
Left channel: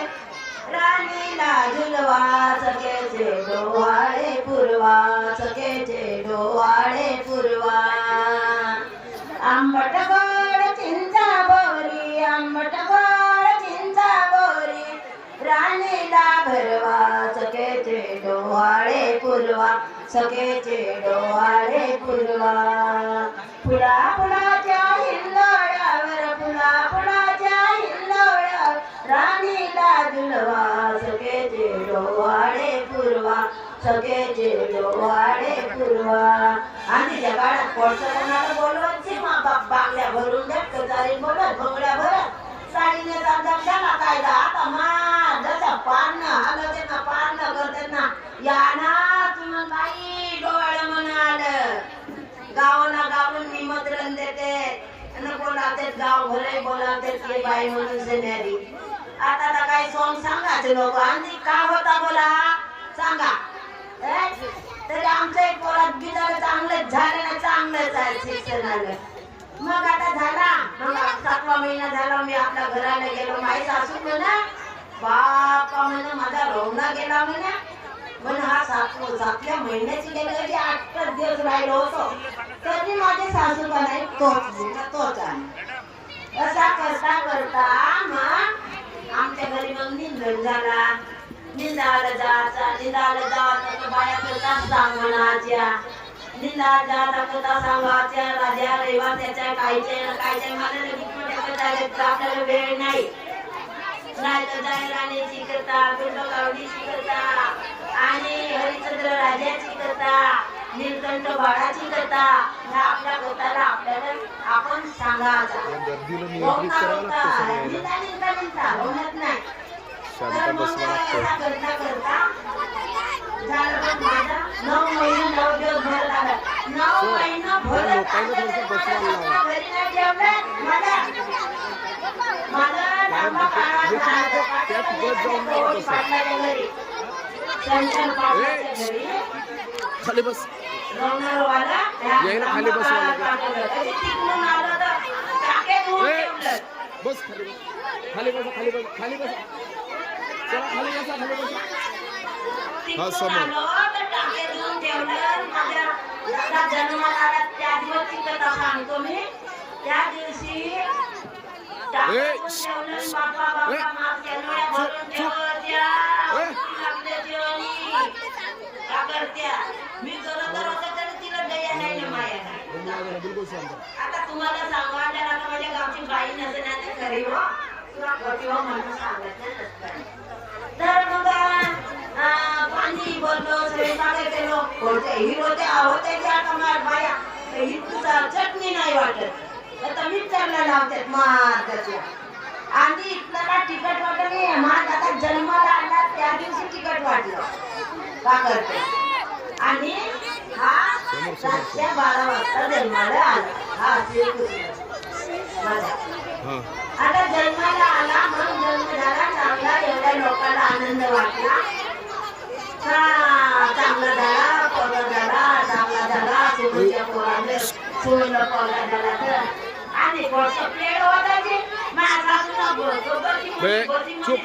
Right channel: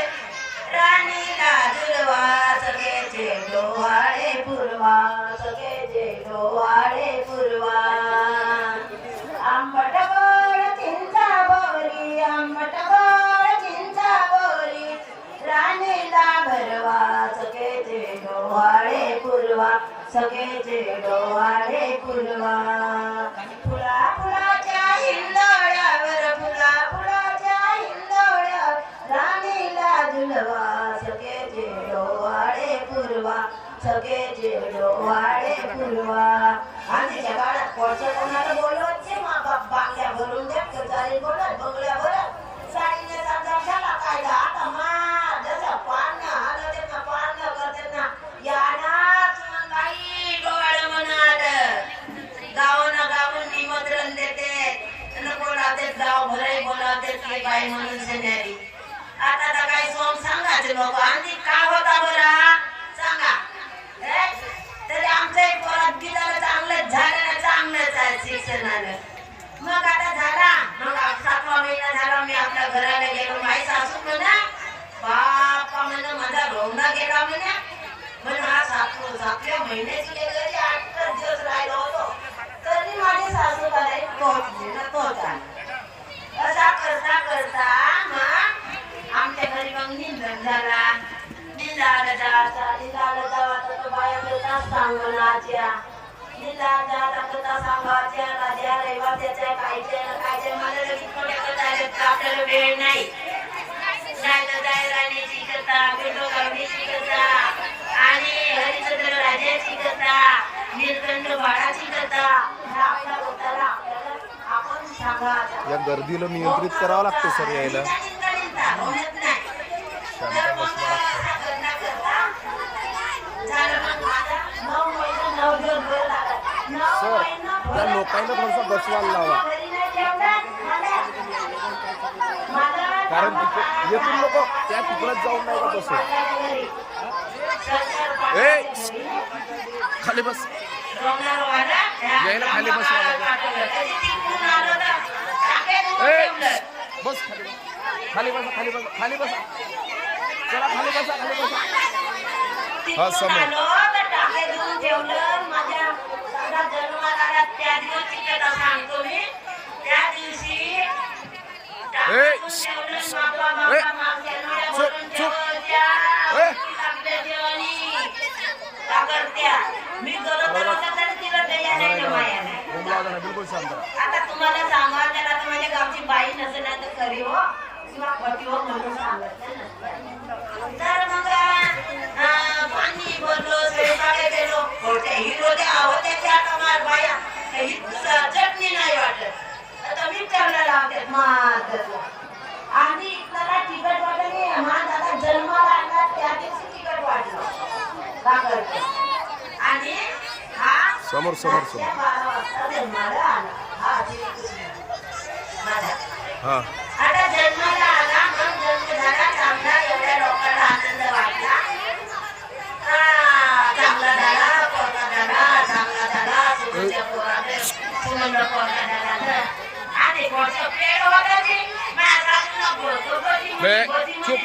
राणीला झुलवा सगळेचे डोहाळे पुरवा, सगळेचे डोहाळे पुरवा. आंबट गोड चिंचा बोरी, आंबट गोड चिंचा बोरी, राणीला भरवा सगळेचे डोहाळे पुरवा, सगळेचे डोहाळे पुरवा. फुला फुलाच्या हिंदोड्यावर, फुला फुलाच्या हिंदोड्यावर, राणीला झुलवा सगळेचे डोहाळे पुरवा, सगळेचे डोहाळे पुरवा. आणि त्या काळात कोणतं कोणाला बोलवायचे, मा बाप बांगड्या भरून देत, चालेल बोलत बंगड्या भरत, साडीने साधा झाला कायदा. आता मा जसं पान हलवते ना, पान करते ना, या ना तुम्ही काही डोळे म्हणाल. गावाना गावून निमंत्रण देते आणि बोलावते, गाव भराई बोलावते की बाई म्हणून सेनारी. आता तर काही सोंग सांगायचे लोक. आणि काय होता बरा सांगा. तरी आमचं एक पोरात गिदार चांगलंच झालं ना, चांगलंच आहे शिक्षणाला. मग आता झाला, मग 7वा महिना झाला, मी आपल्या घराला गेलो. माई सासू म्हणा, बापा म्हणा माझा रोवणा गेला म्हणा. म्हणून हा 7व्या महिन्याची गेले 8 दिवस राहिलो होतो, तरी माझे सासू का नाही तोच आला. असा करता करता मग आमच्या घरी मग निंदण झाला. निंदाला जायचा, निंदाला जावा तर बाया करता सांगण्याच्या, निंदाला जायला करता सांगायच्या, राजा रेवा त्याच्या कायचे ना कायचे. मला लगेच मोठ्या करता आपल्याला वेळ नाही, नाही तर जायराणीची कथा, बिंडो गावडीची कथा आणि हरिचंद्र राजाची कथा, नीलकंठ बाळाची कथा. आपल्या कथाला आपल्याला आपण सांगायचा. या गर्दीला नियंत्रित करावं लागतं सगळं यायला, शांत बसवा लागतं. सर त्या लोकांना थोडसा बसवायला लावा, कारण तिथे येथून नको त्या तिकडच जाऊन नाही का तसं. खाली बस, यायला खाली बसवा लागेल. बस खाली बस, खाली बसा, खाली बसा, खाली बसा, चला खाली बसा, खाली बसा. हा समोर बिलकुल शांत. आता तुम्हाला सांगा, त्याला तर माझ्या गावची बाई नसण्याचं करी हो किंवा पटी हो म्हणून सांगितलं नसतं. तर मग पाणी बोललो, स्वयंपाकाचे लोक कोणते हिरो ते आवडते. आता मला बाया चटणी नाही वाटत, आता विचारलं लावतात महाराजाला. आणि त्याला तिकट वाटत नाही. महाराज जन्माला आला त्या दिवशी तिकट वाटलं का करते. आणि हा समोर समोर 12 वाजता जन्माला आला. हा हा आता जन्माला आला, मग जन्म झाला चांगला, एवढ्या लोकांना आनंद वाटला. हा चांगला झाला, पोरगा झाला, चांगला झाला, सुनेच्या पोराने सुनेला पोरगा झाला. तर आणि पोटचं पेड होतं जी माझ्या सासूनं चुप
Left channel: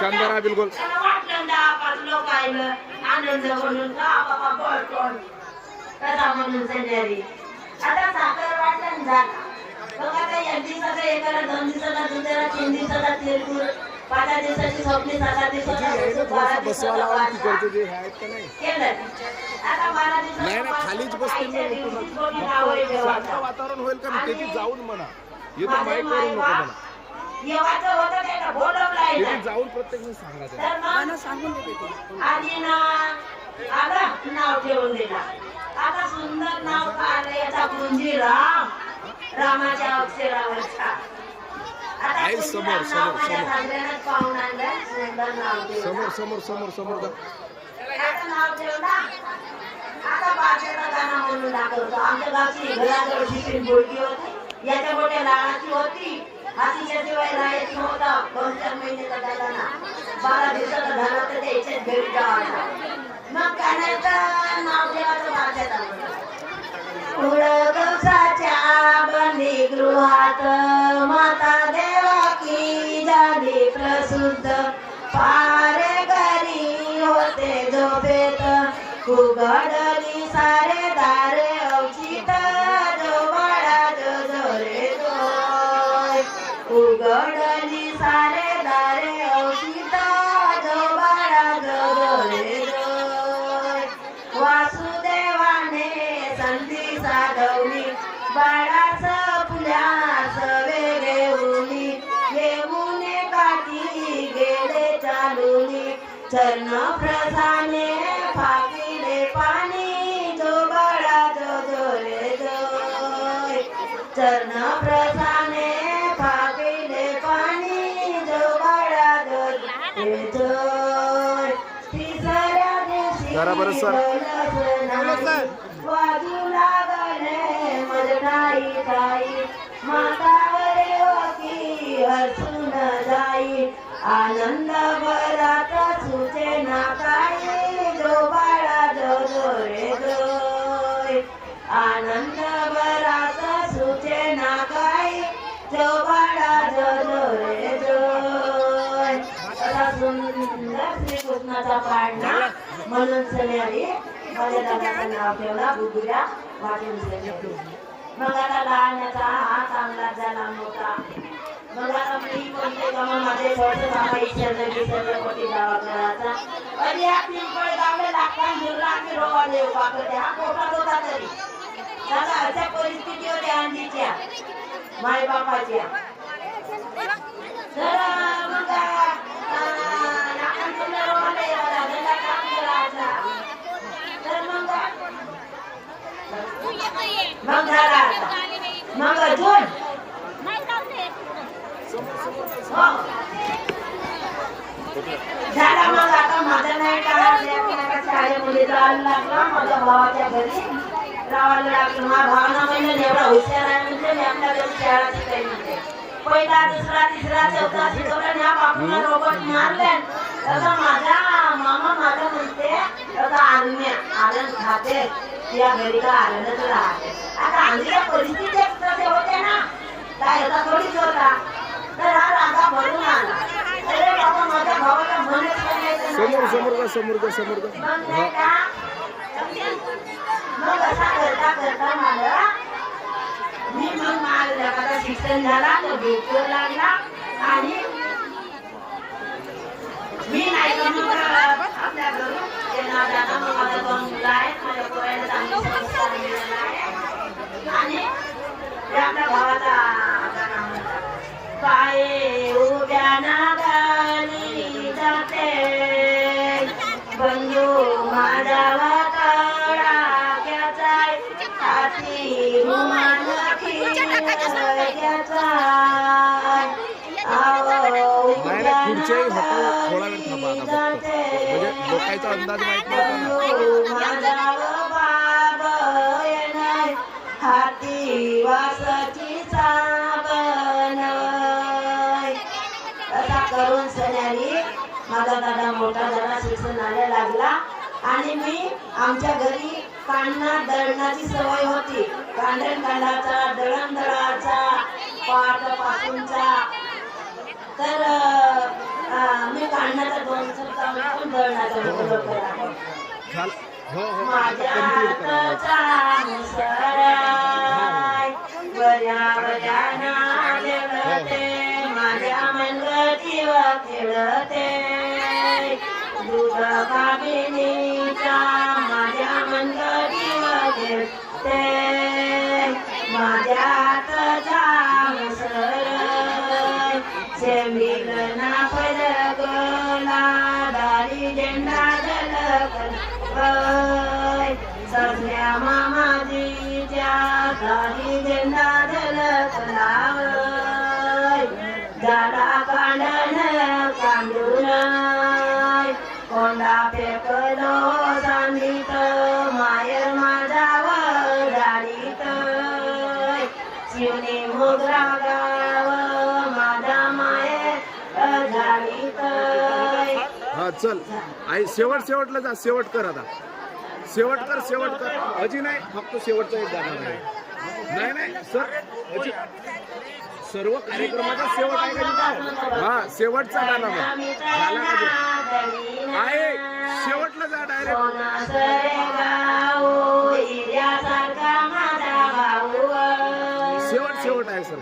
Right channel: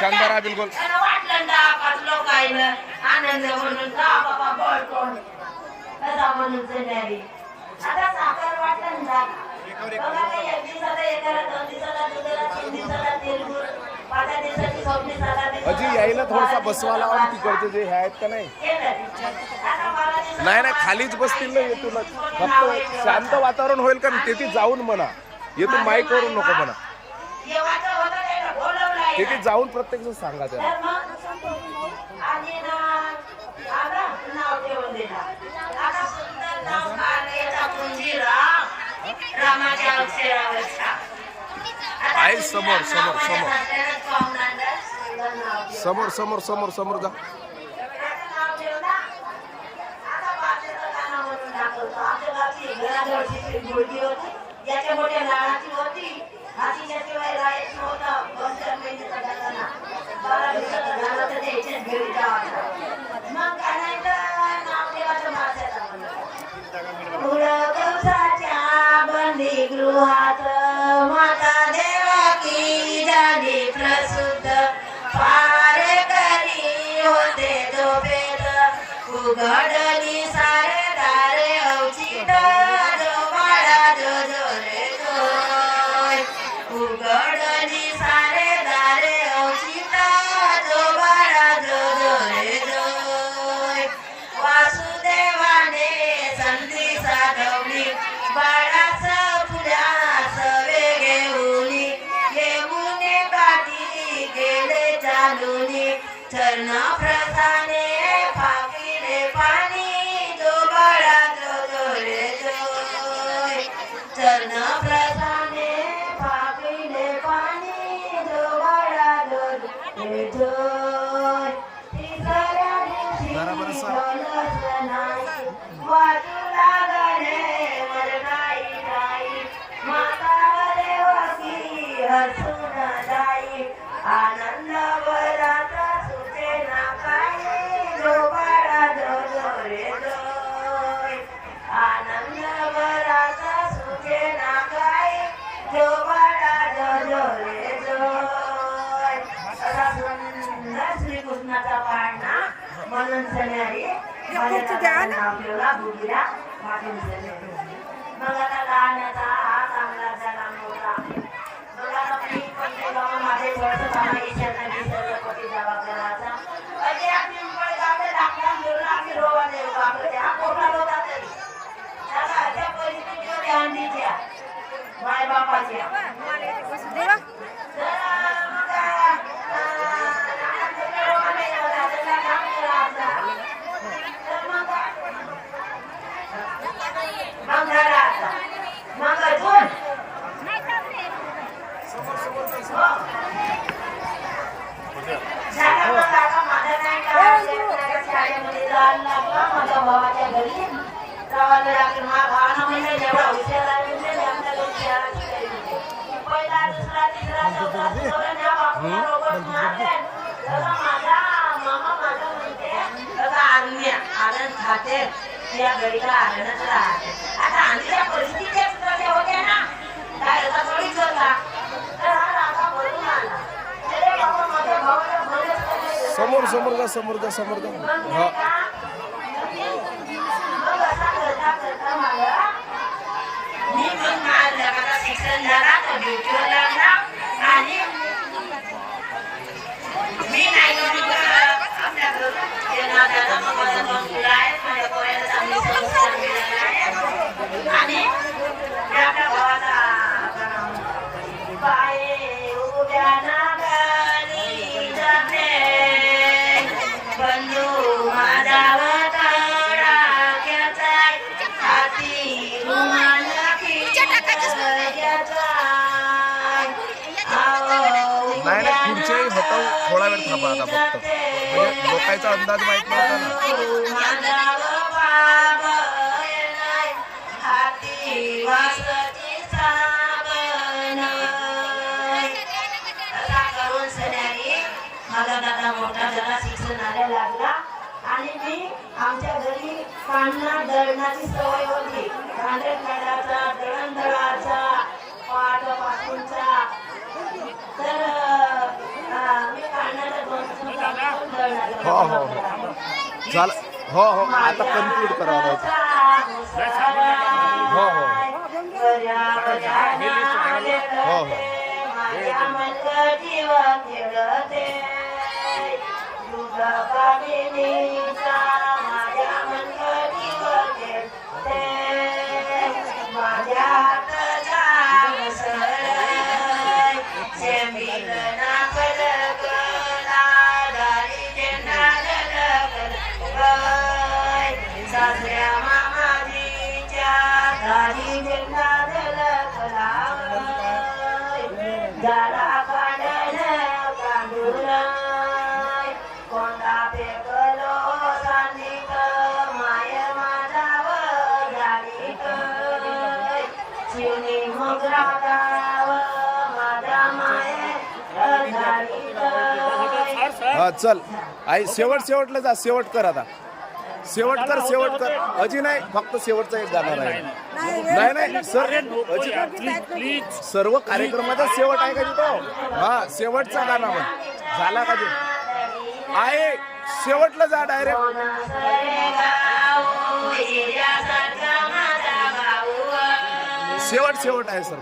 शांत राहा बिलकुल. वाटलं ना 5 लोक आलं आनंद म्हणून का बाबा बोलतो तसा म्हणून सेनारी. आता साखर वाटण झाला. बघ आता 1 दिवसाचा एकाला, 2 दिवसाला दुसऱ्याला, 3 दिवसाला तिळगुळ, 5 दिवसाची स्वप्नी, 7 दिवसाची अजी यायला थोडासा बसवा लावा. तिकडचे जे आहेत का नाही, नाही नाही खालीच बसतील ना. येथूनच फक्त शांत वातावरण होईल का तेथे जाऊन म्हणा, येथून माईक करून नको म्हणा. येवाचं होतं ते बोलवलं काही तिथे नाही. जाऊन प्रत्यक्ष सांगा त्याला. तर मग आधी ना आता नाव ठेवून दिला. आता सुंदर नाव काढलं याचा कुंजीराम, रामाच्या अक्षरावरचा. आता आई कुंजीराम समोर, नाव समोर, माझ्या समोर. सासऱ्यानेच पाहून आणलं, सुंदर नाव ठेवलं. समोर समोर समोर समोर जा. याचं नाव ठेवलं. आता बादशाहचं गाणं म्हणून दाखवतो. आमच्या गावची घराजवळची पिंपळगी होती. याच्या मोठ्या लाडाची होती. हातीच्या शिवाय राहायचं नव्हता. बसच्या महिन्याचा गाणं 12 दिवसाचा झाला तर त्याच्याच घरी जायचं. मग गाण्याचं नाव ठेवायचं बादशाहचं. उडकवसाच्या बंदी गृहात माता देवकी झाली प्रसिद्ध. पारेकरी होते झोपेत, उघडली सारे दारे अवचित. जो बाळा जो जो रे जोय, उघडली सारे दारे अवचित. जो बाळा जो जो रे जोय. वासुदेवाने संधी साधवली, बाळास फुल्यास वेगेऊनी. येऊने काठी गेले चालुनी, चरण प्रसाने फाकिले पाणी. जो बाळा जो जो रे जोय, चरण प्रसाने फाकिले पाणी. जो बाळा जो जो रे जोय. तिसऱ्या दिवशी जरा बरं सर. वाजू लागले मरणाई ताई, माता देवकी हसून जाई. आनंद बरात सुचे ना काही. जो बाळा जो जो रे जोय, आनंद बरात सुचे ना काही. जो बाळा जो जो रे जोय. असा सुंदर श्रीकृष्णाचा पाळणा म्हणून सण्यारी माझ्या दादाला नाव ठेवला गुगिऱ्या वाटून दिले. मग आता गाण्याचा हा चांगला झाला मोठा. मग आता मी कोणते गाव माझे थोडंसं बाबा ईश्वरला विसरले होते दवाखान्याचा. आणि आपली पण गावले लागला मुलं आम्ही रोवाले आपलं त्या पोटात होता तरी. त्याला अशा परिस्थिती होत्या अंडीच्या मायबापाच्या. तर मग आपण तुला रोवाले लागला त्याला काम करायचा. तर मग झाला आता. मग अजून झाला. मग आता माझा नाही का शाळेमध्ये जायला लागला. माझ्या भावाच्या घरी राहायला लागलो. माझ्या भावाला म्हणजे एवढा हुशार आहे म्हणजे आपल्या घरी शाळा शिकायची. पहिला दुसरा तिसरा चौथा शिकवलं ना बापूला रोबोट मारले. तसं माझा मामा माझं म्हणते आज्ञा आनंद खाते या घरी का आनंदच राहते. आता आमच्या परिस्थिती कशा होत्या ना काय असा थोडीच होता. तर हा राजा म्हणून आला. अरे बाबा माझ्या भावाला म्हणत समोर समोर जा समोर जा समोर जा. हा मग असा करता करता मला मी मग माझा शिक्षण झाला तो ड्युटीला लागला. आणि मी नाही का मग आपल्या घरून त्यांना दादा मग माझा दोन मुलं आहेत. माझ्या पोराला चांगली संस्कार मिळाला आहे. आणि आपल्या भावाचा पाय उभ्या नागानी जाते बंधू माझा तडाक्याचा हाती रुमाल नाही नाही खुर्च्याही होता थोडा वेळ थांबा आता फक्त. म्हणजे लोकांचा अंदाज माहित नव्हता ना. हाती वासाची साबण असा करून सण्यारी माझा दादा मोठा जरा शिक्षणाला लागला. आणि मी आमच्या घरी कांडणा दळणाची सवय होती. कांडण कांडाचा दळण दळाचा पाट पासूनचा. तर मी कांडण्याचा दोन पण दळणाचा हो हो हो झालं. हो हो आता कन्क्लूड करावं लागेल. हो हो हो माझ्या मनगटीव खेळते दूध कामिनीचा माझ्या मनगटीव खेळते. माझ्या हातच्या उसळ शेमी गणा मामाजीच्या दारी झेंडा झलकलाव झाला कांडण कांडून कोंडा फेकलो सांडीत मायर माझाव दाडीत शिवने मोगरा गाव माझा मायर दाडीत. हा चल आई शेवटला जा, शेवट कर आता, शेवट कर अजी नाही, फक्त शेवटचा एक गाणार आहे. नाही सर अजी सर्व कार्यक्रमाचा शेवट आहे का तिथं? हा शेवटचा गाणं म्हण झाला का ते आहे, शेवटला जा डायरेक्ट. शेवट आहे सर.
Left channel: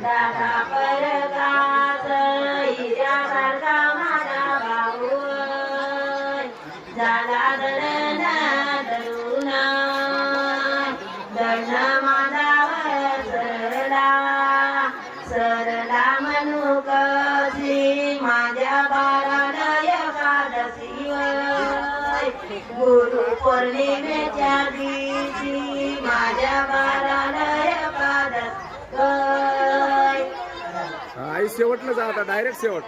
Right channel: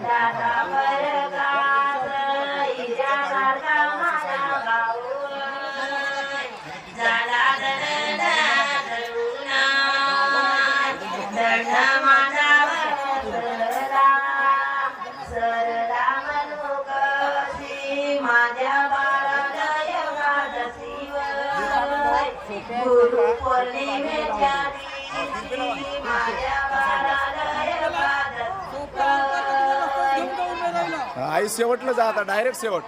पौर्णिमेच्या दिवशी माझ्या बारालय आई शेवटला जा आता, डायरेक्ट शेवट.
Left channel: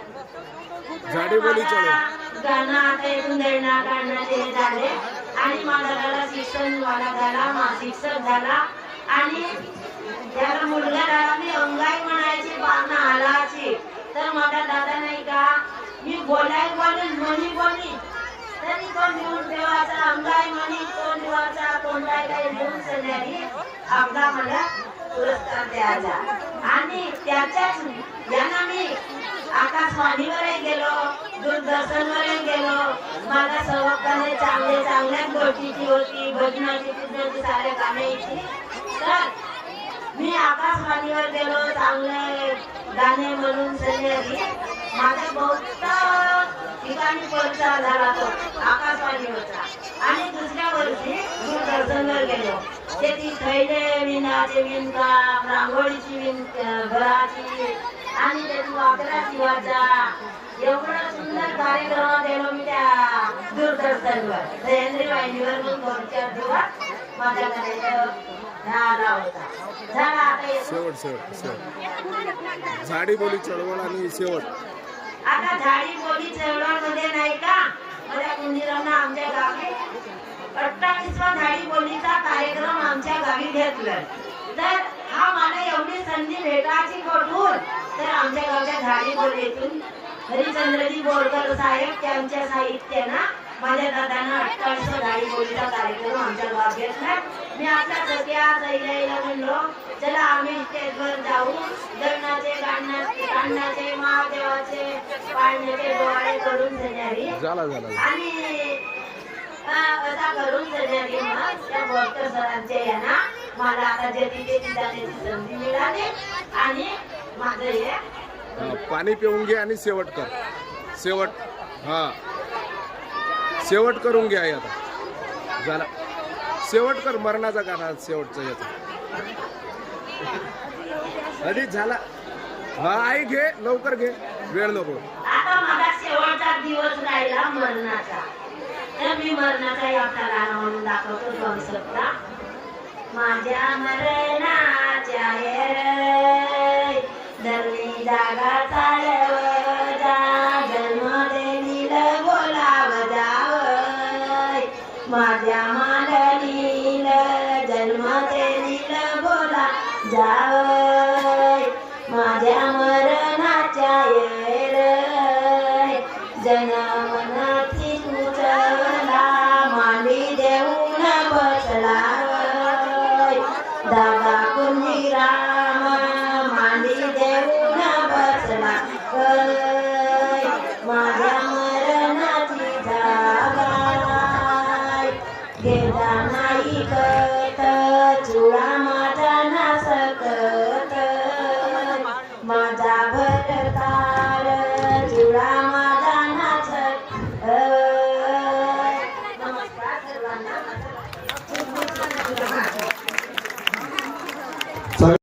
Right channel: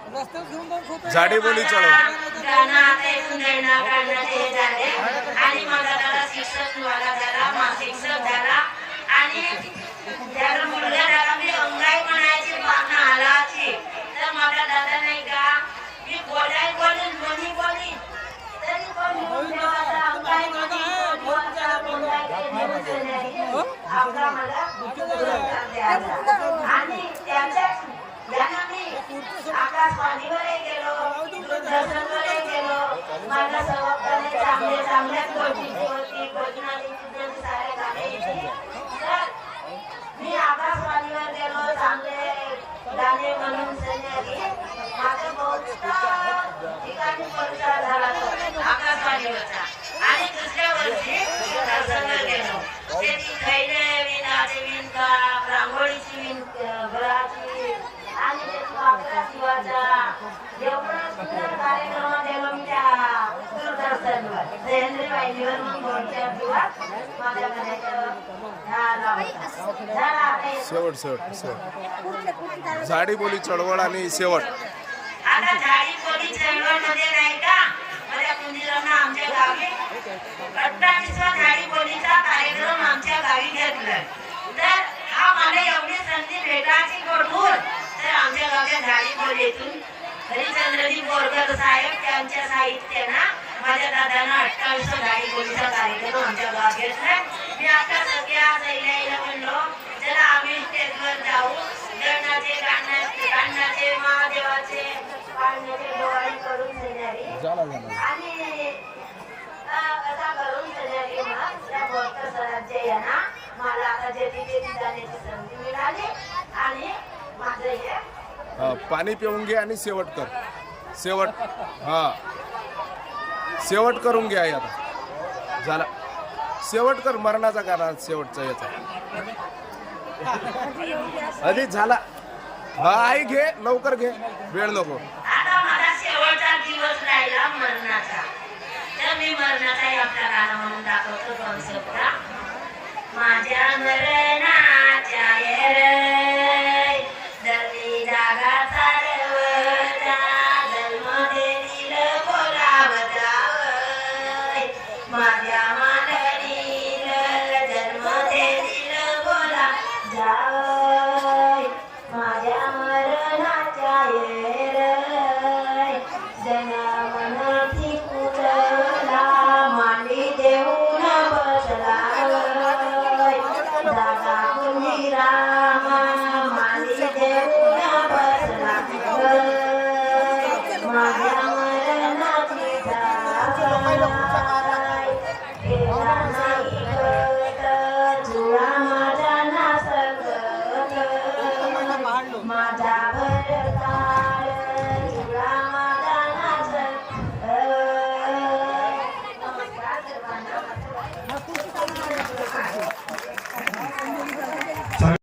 झाडी बोली चढव. झाले आणि माझा त्याला शिक्षण झाला, शिक्षक झाला आणि त्याला मुलगा झाला. मी अंगाई म्हणायची बातम्या आलाची तर माझा दादा नाही का मी बोलाय बोली तरी कोण घेऊन देवाचा अंगाई म्हणी कोण देवाचा कोणता काही घेऊन सन्यारी आपला मला पुरस्कार द्यायचा. आणि त्याच्याच यांना मी आकाशवाणीवरही गेलो, दूरदर्शनवरही गेलो. माझ्या सवकाने चांगल्याच गोष्टीची होती, भजनाची पूजनाची सारे गाण्याची. तर मी आकाशवाणीवर गेलो, चांगले गाणे म्हणून सन्यारी माझ्या बहुत ठिकाणी परिचय झाला तो आकाशवाणीवरचा. आणि दुसऱ्या वर्षी दूरदर्शनवर गेलो. शेती खैले विणाचे विणकाम, रांगोळीची घराची आणि त्याची वाकरा शिवाचा एवढा सुंदर कार्यक्रम गेलो मी त्या दूरदर्शनवर. जयेंद्र वाहिनीवर मग घरच्या दिवस माझ्या झाला होता. झाला आता शेवट झाडी बोली चळवळ आणि शेवट. आता झाडी बोली चळवळ मध्ये नाही का माझ्या मंदिरांना आमच्या गावी 28वा झाडी बोलीचा कार्यक्रम आमच्या गावी घेतला. तर हा मला एवढी संधी भेटायची कुठून तर आमच्या गावच्या झाडी बोलीतून हरिचंद्रजी बोरकर साहेब त्यांच्या साहित्यानं माझ्या दादांना 28वा झाडी बोलीचा कार्यक्रम आमच्या गावात घेतला. मी आपल्या सगळ्या सैल्याला म्हणलो चला आम्ही स्टेजवर जाऊ, गणाचे गाण्याचे महादेवाचे पाण्याचे डोळे करून देणारी आणि कथा करून देणारी मग त्या भक्त सरांचे यांना मला आता जेथे जाण्याची संधी मिळाली आणि माझं हे पाणी पिऊन घे आणि शेवट कर. शेवट हा शेवट करून घे आई आता. झाला शेवट कर, मरणाचा गाणा शेवटचा याचा आधी झाला. हा आई घे, लवकर घे, वेळ नको. आता माझा शेवटचा दिवस राहिला मरणाचा. तर मी मरणाचा एकटा गाणं म्हणून दाखवतो दोन शब्द. माझ्या मरणाच्या रे धरणी जागा चालवता जन्म देईल बोलाव जावय माझ्या मांडणील जन्म देईल बोला जावय माझ्या मरणाच्या रे जना मनाची उचला मांडी देऊन बसला दादा कुंजी रामा मांडी देऊन बसला माझ्या मरणाची जागाय गेला नाही कत चुळा माझा नासकत माझा भरताळ चुळा माझा नाचत. नमस्कार सर्वांना.